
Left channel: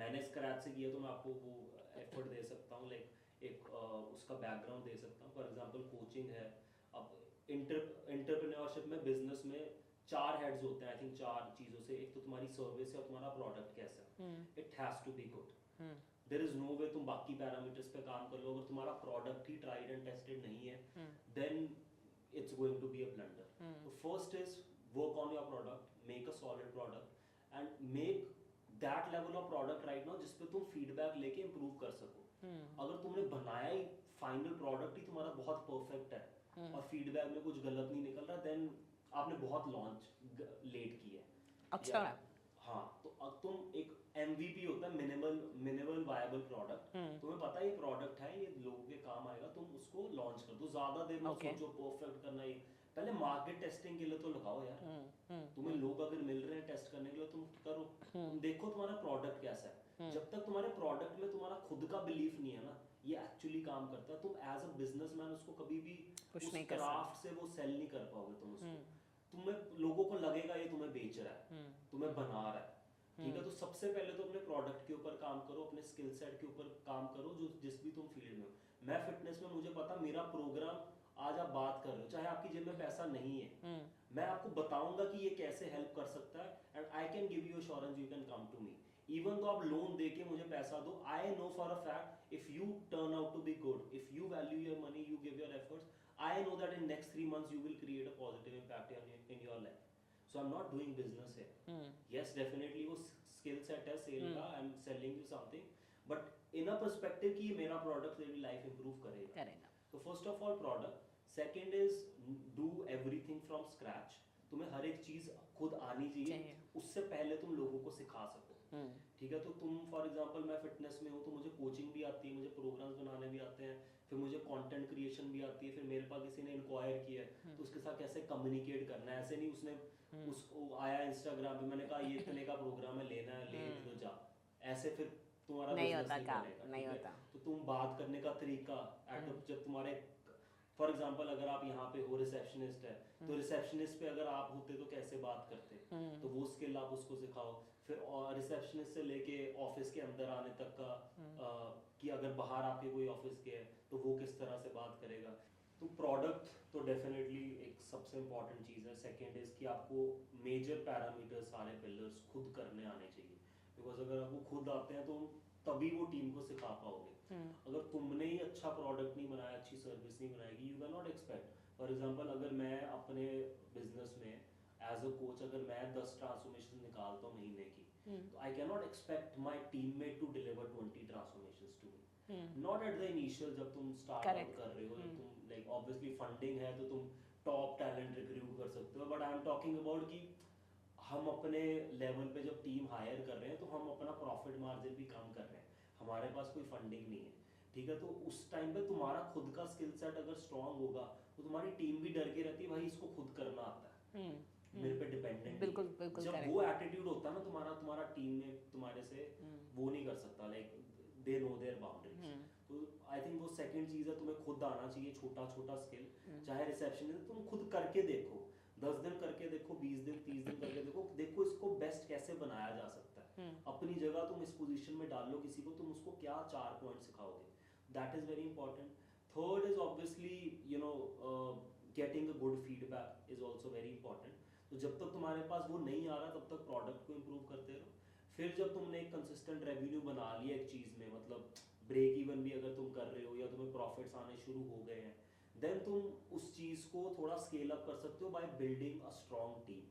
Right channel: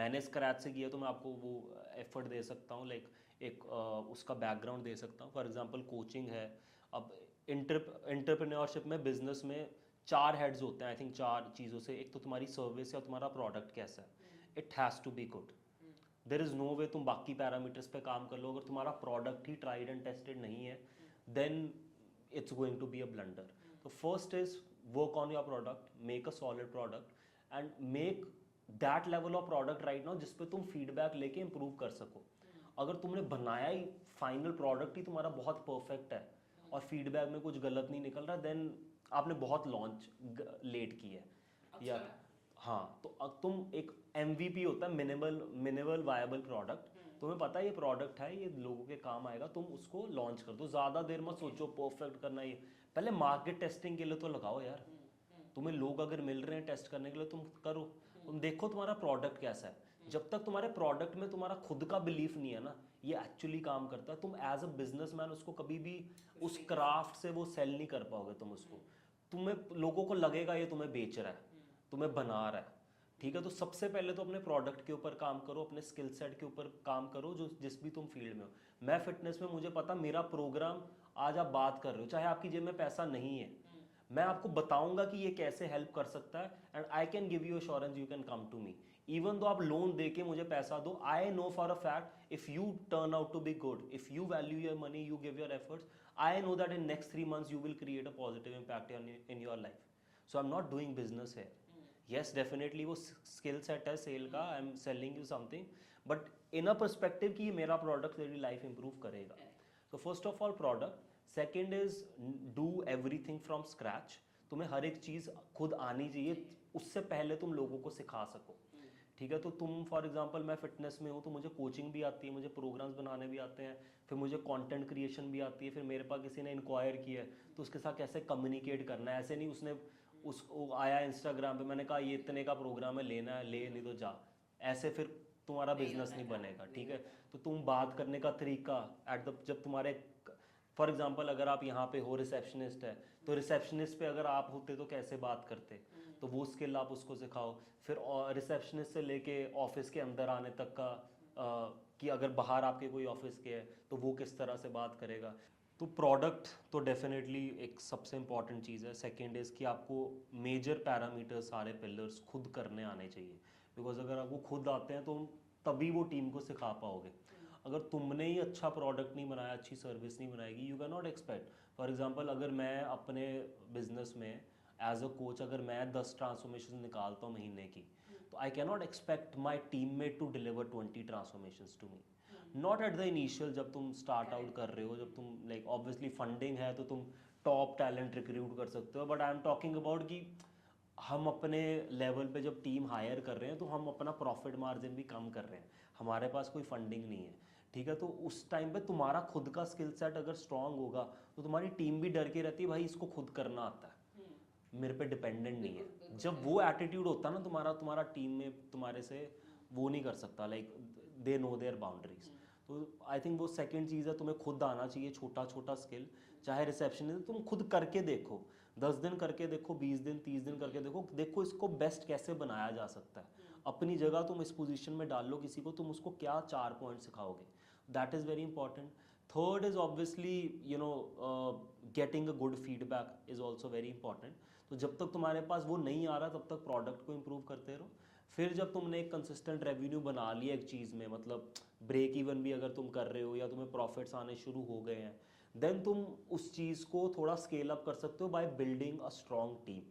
मैंने स्क्रैच से किया तो मैं आपको वो एफर्ट दे सकता हूँ, लाइक एक उसका बैकग्राउंड दे सकता हूँ। फॉर एग्जांपल कोचिंग है। अब एंटरप्रेन्योरशिप में, बिजनेस में 4 हेड्स होते हैं आई थिंक, 4 चीज़ों से। एक तो तुम्हारी सर्विस या तुम्हारा प्रोडक्ट कैसा है, it has to be good. There is no way तुम बाकी पैरामीटर्स पे काम कर लो, अगर तुम्हारा प्रोडक्ट ही ट्राइड एंड टेस्टेड नहीं है, then it's going to be a blunder. So first is work on your product, make a solid product and make that level of product right now जिस पे तुम फीडबैक लेके improve कर सको। अगर तुमने बनाया ही फाइनल प्रोडक्ट ही तुम्हारा बहुत परफेक्ट है और फीडबैक में कुछ गलत नहीं निकल रहा, देन आपने बहुत लॉन्च लेट की है। अच्छा। हाँ, तो अब तुम एक MVP होता है, मिनिमल वायबल प्रोडक्ट। तुम्हें पता है ये प्रोडक्ट है, ये लोगों के काम आएगा, तुम उसको लॉन्च कर दो। ज़्यादा देर मत सोचो परफेक्ट करना। ये पहले मार्केट टेस्टिंग के लिए तो लगाओ यार। तुम्हें लोग अगर मिल रहे हैं टेस्ट करने के लिए, तुम करो। तुम देखो तुम्हारा प्रोडक्ट कैसा है। जब तक तुम्हारे प्रोडक्ट में तुम्हारा खुद का बिलीफ नहीं है ना, ये एक्चुअली काम करता है, तुम एज अ बिजनेसमैन उसको कभी भी उस क्राफ्ट से वो सेल नहीं कर पाओगे तुम उसको। तुम्हें लोगों को लगेगा ये तुम्हें बेच रहा है, तुम्हें बना रहा है। ठीक है, तो सबसे पहले तो अपने प्रोडक्ट के ऊपर काम करो, अपने स्किल सेट के ऊपर काम करो, जो जिस भी तुम फील्ड में हो। मैं फिटनेस में, मुझे पता मेरा प्रोग्राम, आज आप बात कर रहे हो, चाहे आपकी जेब में पैसा नहीं है, मैं आपको बताऊंगा कि ये कैसे हेल्प कर सकता है, and I can give you assurance you can come to me. Even though आप लोन दे के मुझे पैसा दो, I know for a fact if you turn out to be good, if you value your money, you give your efforts, I know that in next 3 months you will create a positive impact in your life. So I'm not doing business here. Yes, definitely वो skill set है cell का, I'm selling you something, but in a perspective कि ये मेरा product तेरी life improve करेगा। So first of all product, second is do everything from scratch. तुम्हें हर एक चीज़ खुद आनी चाहिए, उससे पहले तुम लोगों को सिखा सको। ठीक है, तो तुम फॉर एग्जांपल, मैं फिटनेस में हूँ तो मुझे कोचिंग भी आती है, मुझे प्रोग्राम्स बनाने भी आते हैं, फिर मुझे कंटेंट क्रिएशन भी आती है, फिर मेरे पास किसी ने इंक्वायर किया है तो उसके साथ कैसे कम्युनिकेट करना है। ऐसे नहीं उसने उसको आया इंस्टाग्राम पे, मैंने कहा ये इतने का प्रोग्राम है, लेना है ले, नहीं तो जा, ऐसे फिर तुम्हारा बिजनेस नहीं बनेगा। ठीक है, तो तुम बात करने का तरीका जब तुम्हारे, फॉर एग्जाम्पल अगर आप यहाँ पे हो रिसेप्शनिस्ट है, तो रिसेप्शनिस्ट पे अगर आप होते तो कैसे बात करते, तो वो स्किल आप उसको सिखाओ। फिर रिसेप्शनिस्ट से लेके ऑफिस के अंदर आने तक का, कि अगर बाहर आपके कोई ऑफिस के है तो वो किस तरह से बात करेगा। तो प्रोडक्ट तो डेफिनेटली एक सबसे इम्पॉर्टेंट चीज़ है। सेकेंड इज़ कि आपको मेजर पैरामीटर्स, सारे पिलर्स खुद करने आने चाहिए, बिकॉज अगर आपको खुद आते हैं तो तभी वो टीम को सिखा पाओगे। अगर तुमने ही अच्छा प्रोडक्ट नहीं बनाया, अच्छी सर्विस नहीं बनाएगी, you can not expect. For example अगर मैं अपने बिजनेस में एज अ कोच अगर मैं 10 ट्रांसफॉर्मेशन निकालता हूँ महीने की, तो I can not expect my teammate to deliver 20 transformations to me. Not at the initial, जब तुम स्टार्ट आउट कर रहे हो, जब तुम लाइक ऑब्वियसली फंडिंग है तो तुम टॉप टैलेंट रिक्रूट कर सकते हो, but I am talking about कि हम अपने लेवल पे जब टीम हायर कर रहे हैं तो हम अपना प्रॉफिट मार्जिन भी कम कर रहे हैं, हमारे पास कोई फंडिंग नहीं है। ठीक है, तो उस टाइम पे तुम्हारा खुद का स्किल सेट अगर स्ट्रांग होगा तो तुम्हारी टीम भी डर के रहती है, भाई इसको खुद करना आता है। मेरे पे डिपेंडेंट नहीं बिल्कुल है। बिल्कुल जब correct. वो एटीट्यूड होता ना तुम्हारा, तुम्हारा टीम में तुम्हारे से वो नहीं कर सकता, like they know their boundaries. तो आई थिंक वो सेकंड चीज़ है, तुम्हें खुद आना चाहिए, छोटा छोटा स्किल, चाहे रिसेप्शन तुम खुद करके देखो, 10 दिन करके देखो, 20 दिन 30 दिन करके देखो, देखो इसको बेस्ट कैसे बनाया जा सकता है। अपनी जगह तुम इस पोजीशन में डाल लो किसी को, तुम उसको क्या 4 पॉइंट सिखाओगे, that is very important. Third is obviously getting a good feedback is also very important. तो जब तक तुम्हारे पास वो नहीं आ रहा तब तक प्रोडक्ट को इम्प्रूव करते रहो। फिर जब तुमने एक कंसिस्टेंट रेवेन्यू बना लिया एक चीज़ में, मतलब ब्रेक इवन भी अगर तुम कर रहे हो या तुम्हें प्रॉफिट्स आने शुरू हो गए हैं, देन तुम उस चीज़ को थोड़ा स्केल अप कर सकते हो by building a strong team,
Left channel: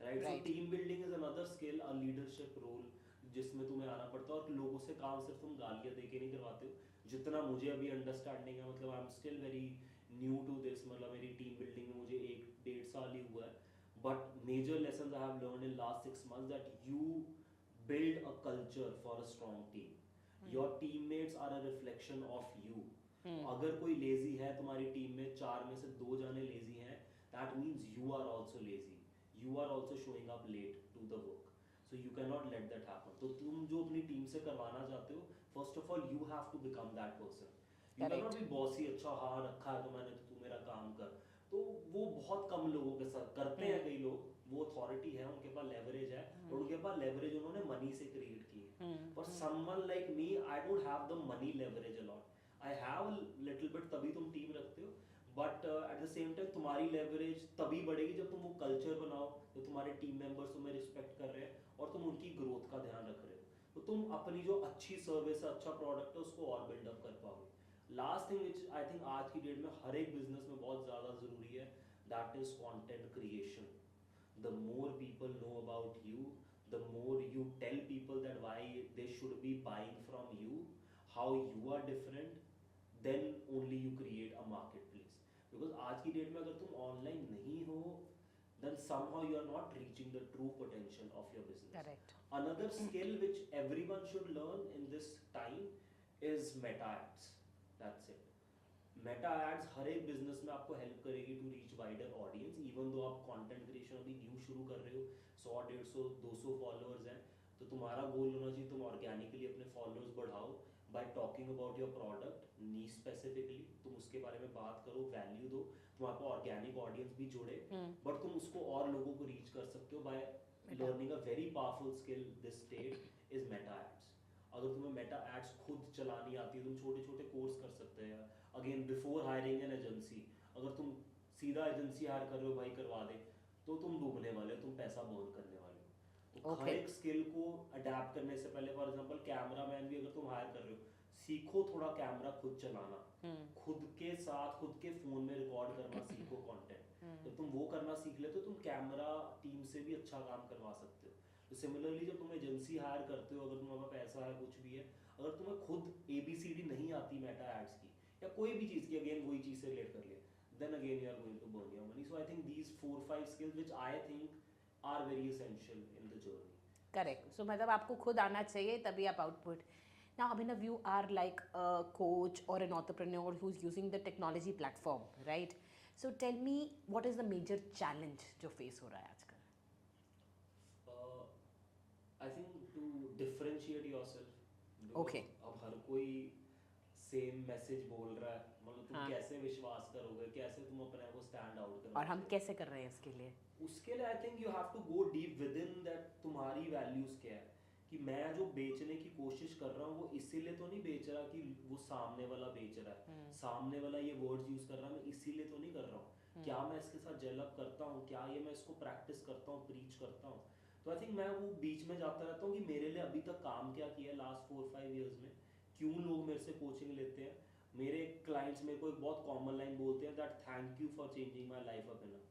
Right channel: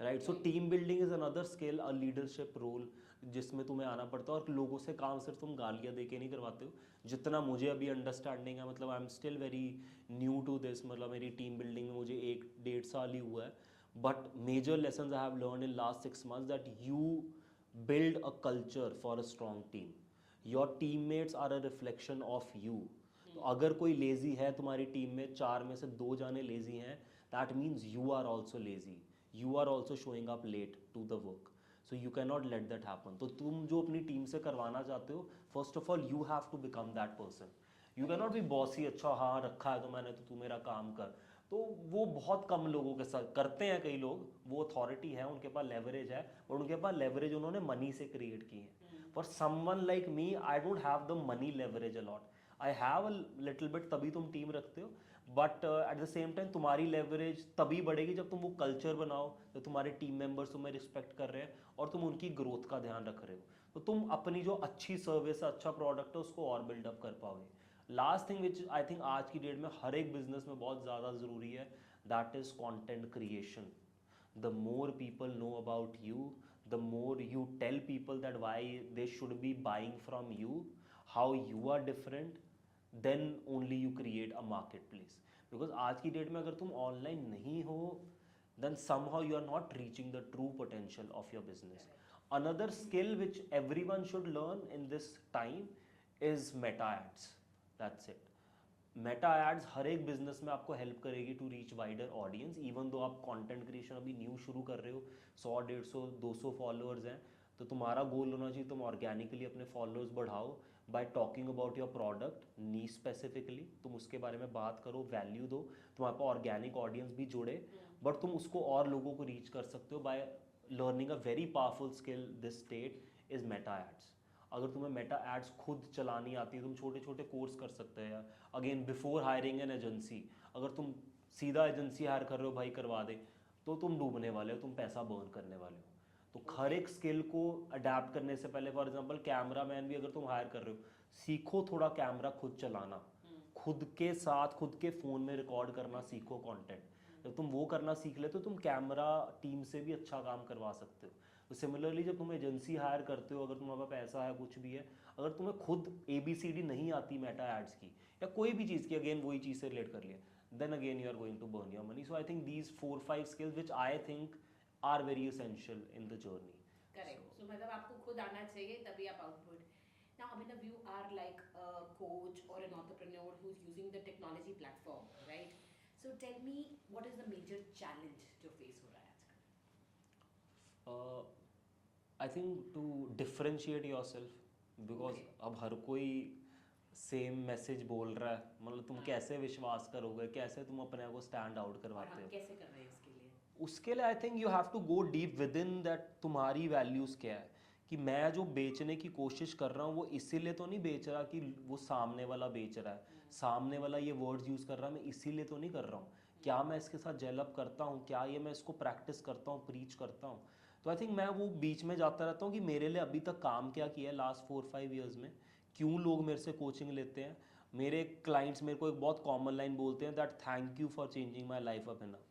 right. So Right. Team building is another skill, a leadership role जिसमें तुम्हें आना पड़ता है। और लोगों से काम सिर्फ तुम गालियाँ दे के नहीं करवाते हो, जितना मुझे अभी अंडरस्टैंडिंग है, मतलब I am still very new to this, मतलब मेरी टीम बिल्डिंग में मुझे 1-1.5 साल ही हुआ है, but major lessons I have learn in last 6 months that you build a culture for a strong team. Your teammates are a reflection of you. तो अगर कोई लेजी है तुम्हारी टीम में, 4 में से 2 जाने लेजी हैं, that means you are also lazy. You are also showing up late to the work. So you cannot let that happen. तो तुम जो अपनी टीम से करवाना चाहते हो, first of all you have to become that person. You cannot be bossy, अच्छा हाँ रखा है तो मैंने, तो तू मेरा काम कर। तो वो बहुत कम लोगों के साथ करते हैं, कई लोग, वो अथॉरिटी है, उनके पास लेवरेज है, और उनके पास लेवरेज उन्होंने मनी से क्रिएट की है। For someone like me, I don't have the money leverage a lot, I have a little bit, तभी तुम टीम रखते हो। But at the same time तुम्हारी लेवरेज तभी बढ़ेगी जब तुम वो कल्चर बनाओ, जब तुम्हारे टीम मेंबर्स तुम्हें रिस्पेक्ट कर रहे हैं और तुम उनकी ग्रोथ का ध्यान रख रहे हो, तो तुम अपनी जो अच्छी सर्विस है, अच्छा प्रोडक्ट है, उसको और बिल्डअप कर पाओगे। Last thing which I think आज की डेट में हर एक बिजनेस में बहुत ज़्यादा ज़रूरी है, that is content creation. The more people know about you, the more you tell people that why they should be buying from you, how you are different, then only you create a marketplace. Because आज की date में अगर तुम online नहीं हो, then somehow you are not reaching the true potential of your business. Correct. Another skill which everyone should learn in this time is meta ads. That's it. Meta ads हर एक business में आपको help करेगी to reach wider audience. Even though आप content creation अभी new शुरू कर रहे हो, 100, 150, 200 फॉलोअर्स हैं, तो तुम्हारा गोल होना चाहिए तुम ऑर्गेनिकली अपने फॉलोअर्स बढ़ाओ bye talking about your product knee specifically, तुम उसके बारे में बात करो, वैल्यू दो, तुम्हारे पास ऑर्गेनिक ऑडियंस भी जुड़े, बट तुम उसको और लोगों को रीच कर सकते हो by learning a very powerful skill this state is meta ads. अगर तुम्हें मेटा एड्स खुद चलानी आती है, तुम छोटे छोटे कोर्स कर सकते हैं। Again before hiring an agency, अगर तुम सीधा एजेंसी हायर कर रहे हो, भाई करवा दे, तो तुम डूबने वाले हो, तुम पैसा बर्न करने वाले हो। तो हर एक स्किल को अडेप्ट करने से पहले, फॉर एग्जांपल कैमरा मैन भी अगर तुम हायर कर रहे हो, सीखो थोड़ा कैमरा खुद चलाना, खुद के साथ खुद के फोन में रिकॉर्ड करना सीखो कंटेंट। जब तुम वो करना सीख ले तो तुम कैमरा टीम से भी अच्छा काम करवा सकते हो। तो सिमिलरली जब तुम एजेंसी हायर करते हो, अगर तुम्हारे पास पैसा है, कुछ भी है, अगर तुम्हें खुद ABCD नहीं आती मेटा एड्स की या कोई भी चीज़ की, अगेन वही चीज़ से रिलेट कर लिया, then again you are going to burn your money. So I think these 4-5 skills which I think are very essential in the journey. Correct. So मतलब आपको खुद आना चाहिए तभी आप output. Now, Abhinav, you are like a coach or an entrepreneur who's using the technology platform, right? So tell me, what is the major challenge जो face हो रहा है आजकल? I think to differentiate yourself, because Okay. अब हर कोई same message बोल रहा है, मतलब तुम हाँ। कैसे विश्वास करोगे, कैसे तुम अपने आप को स्टैंड आउट और करवाते हम हो। कैसे कर रहे हैं इसके लिए? उसके लिए I think you have to go deep within that, तुम्हारी वैल्यूज़ क्या है, कि मैं जो बेचने की कोशिश कर रहा हूँ वो इसीलिए तो नहीं बेच रहा कि वो सामने वाला बेच रहा है, सामने वाला ये वर्ड्स यूज़ कर रहा है, मैं इसीलिए तो नहीं कर रहा हूँ, क्या मैं इसके साथ जेलअप करता हूँ, क्या ये मैं इसको प्रैक्टिस करता हूँ, प्रीच करता हूँ। तो आई थिंक मैं वो बीच में जाता रहता हूँ कि मेरे लिए अभी तक काम क्या किया है लास्ट 4-5 ईयर्स में, क्यों लोग मेरे से कोचिंग लेते हैं। मेरे क्लाइंट्स मेरे को एक बहुत कॉमन लाइन बोलते हैं that thank you for changing my life up enough,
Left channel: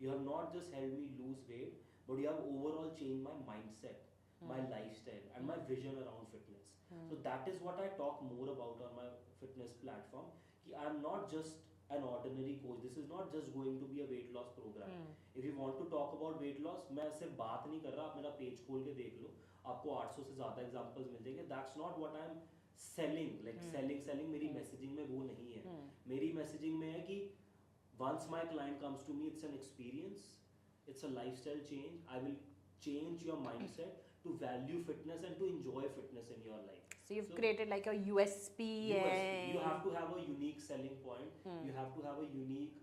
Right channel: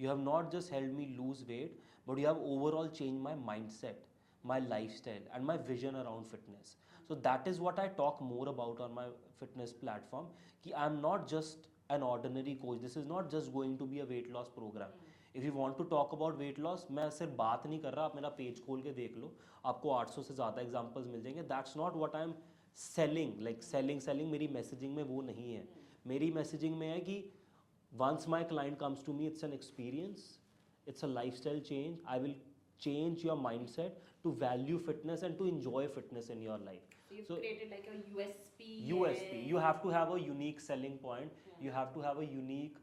you have not just helped me lose weight, but you have overall changed my mindset, my lifestyle and my vision around fitness. So that is what I talk more about on my fitness platform, ki I am not just an ordinary coach, this is not just going to be a weight loss program. If you want to talk about weight loss, मैं सिर्फ बात नहीं कर रहा, आप मेरा page खोल के देख लो, आपको 800 से ज़्यादा एग्जाम्पल्स मिल जाएंगे। That's not what I'm selling, like selling मेरी मैसेजिंग में वो नहीं है। मेरी मैसेजिंग में है कि once my client comes to me, it's an experience, it's a lifestyle change. I will change your mindset to value fitness and to enjoy fitness in your life. So you've So created like a USP. USP, you have to have a unique selling point. You have to have a unique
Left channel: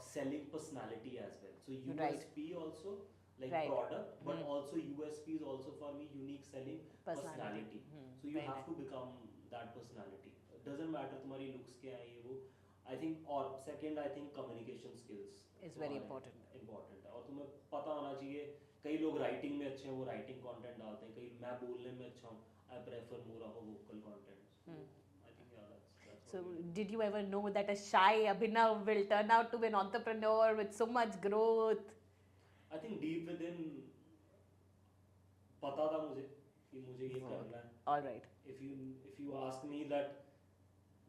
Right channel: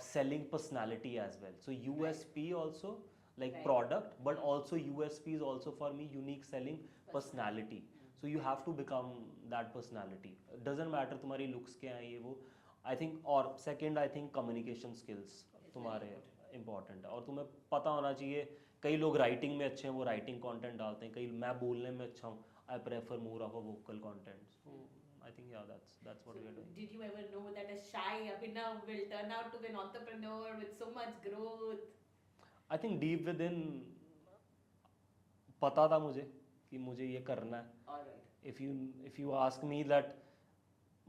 selling personality as well. So USP also like Right. product, but also USP is also for me unique selling Personality. personality. So you have to become that personality. It doesn't matter तुम्हारी looks क्या हैं ये वो. I think और second I think communication skills Is very तुम्हारे important. important है और तुम्हें पता होना चाहिए. कई लोग राइटिंग में अच्छे हैं, वो राइटिंग कंटेंट डालते हैं. कई मैं बोलने में अच्छा हूँ. I prefer more of a vocal content. So I think yeah, that's what So we are doing. did you ever know that a shy Abhinav will turn out to be an entrepreneur with so much growth? I think deep within पता था मुझे कि मुझे ये करना है. All right. If you ask me that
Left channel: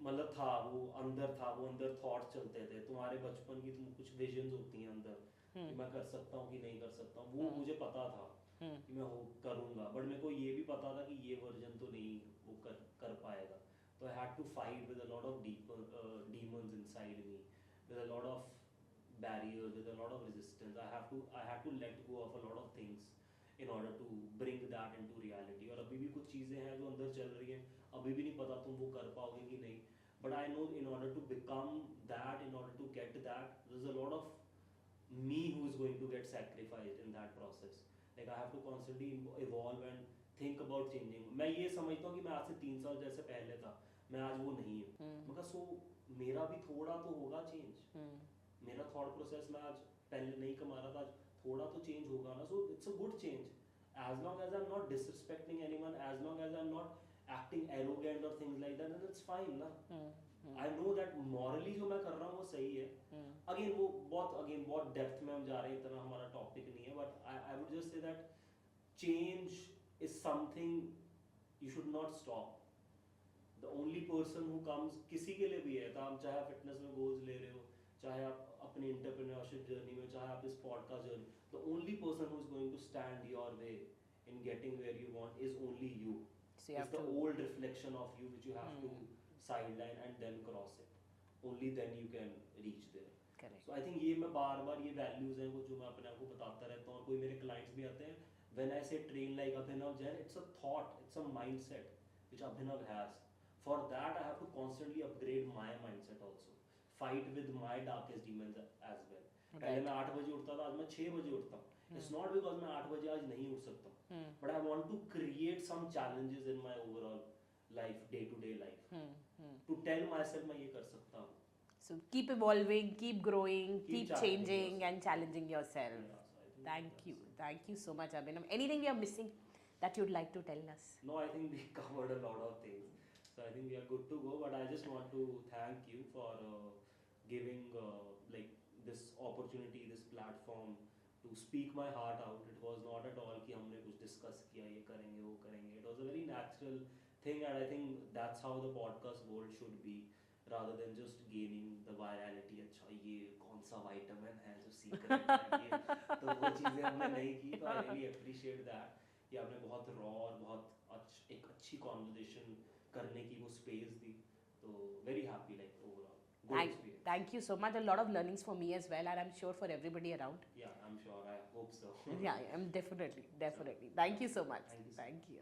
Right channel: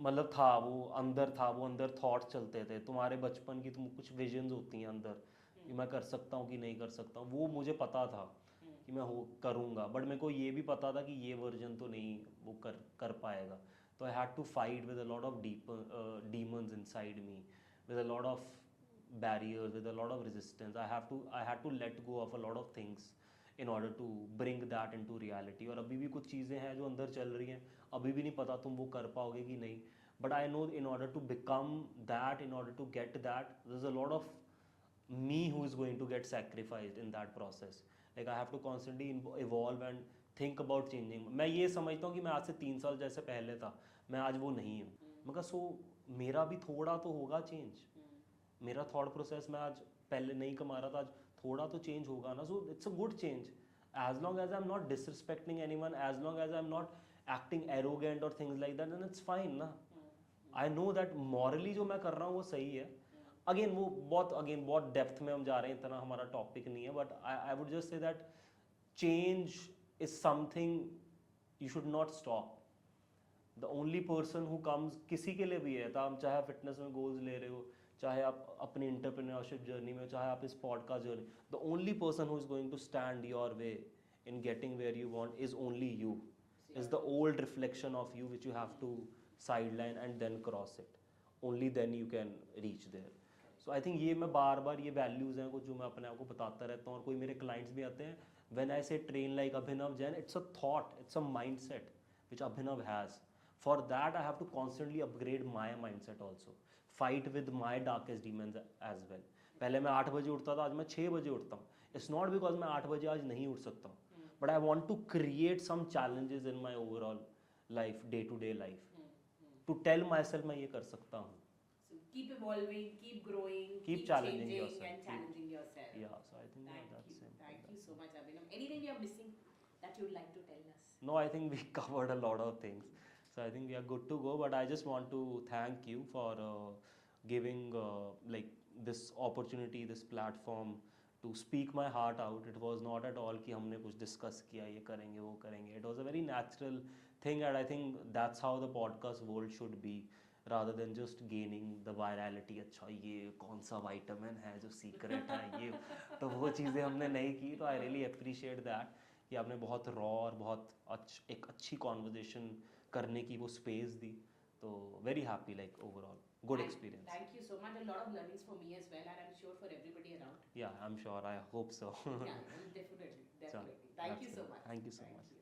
मतलब था वो अंदर थॉट्स चलते थे. तुम्हारे बचपन की तुम कुछ विजन्स होती हैं अंदर कि मैं कर सकता हूँ कि नहीं कर सकता हूँ. वो मुझे पता था कि मैं वो करूँगा. बट मेरे को ये भी पता था कि ये वर्जन तो नहीं वो कर पाएगा. तो I had to fight with a lot of demons inside me, with a lot of barriers, with a lot of resistance. I had to let go of a lot of things in order to bring that into reality. और अभी भी कुछ चीज़ें हैं जो अंदर चल रही हैं. अभी भी नहीं पता तुम वो कर पाओगे कि नहीं. But I know in order to become that, in order to get that, there's a lot of me who is going to get sacrificed in that process. Like I have to constantly evolve and think about changing. मैं ये समझता हूँ कि मैं आज से 3 साल जैसे पहले था, मैं आज वो नहीं हूँ. मगर सो मेरा भी थोड़ा तो होगा चेंज. मेरा थॉट प्रोसेस मैं आज पहले नहीं कमा रहा था, आज थोड़ा तो चेंज होगा ना. So it's a good change. As long as I'm not disrespecting anyone, as long as I'm not acting arrogant or things like that, then it's fine ना. I know that morally जो मैं कर रहा हूँ वो सही है. अगेन वो बहुत डेप्थ में हम जा रहे हैं, इतना हमारा टॉपिक नहीं है. But I would just say that change is something you should not stop. The only person who comes, किसी के लिए भी है, तो आप चाहे फिटनेस में गोल्स ले रहे हो, चाहे आप अपनी एंटरप्रेन्योरशिप जर्नी में, चाहे आप इस podcast journey, the only person who is going to stand your way in getting where you want is only you. So you Is have the to- old reflection of you which you have to sideline and then cross it. Only then you can reach there. Correct. So I think ये मैं बार बार ये values हैं वो जो मैं अपने आप को बताता रहता हूँ. और कोई मेरे clients भी आते हैं, when I say train like Abhinav Jain, it's a thought, it's a mindset which Abhinav has. For that I have to constantly upgrade my mindset also. Fight with my darkest demons as well. पहले मैं 8 बजे उठता था, आज मैं 6 बजे उठता हूँ. It's not because मैं 8 बजे आज नहीं उठ सकता हूँ. But I want to create some challenges in my overall life, day-to-day life. To tell myself मैं ये कर सकता हूँ. So keep evolving, keep growing, keep challenging changing yourself. and challenging yourself. Yeah, so I think Thank that's you. it. Thank you so much, Abhinav. Anything we are missing that you'd like to tell us? No, I think we covered a lot of things. So I think we are good to go. But I just want to thank you for giving like this opportunity, this platform to speak my heart out. It was not at all कि हमने कुछ discuss किया, ये करेंगे, वो करेंगे. It was a very natural thing, and I think that's how the podcast world should be, rather than just gaining the virality. अच्छा ये कौन सा vitamin है जो secret है ये, तो वो चीज़ें हमने नहीं की. तो I really appreciate that कि आपने बहुत raw और बहुत एक अच्छी conversation करने की वो space दी. तो very happy, like overall good experience. Thank you so much. A lot of learnings for me as well, and I'm sure for everybody around. Yeah, I'm sure. I hope so. Yeah, I'm definitely. Thank you so much. Thank you so Thank much. you.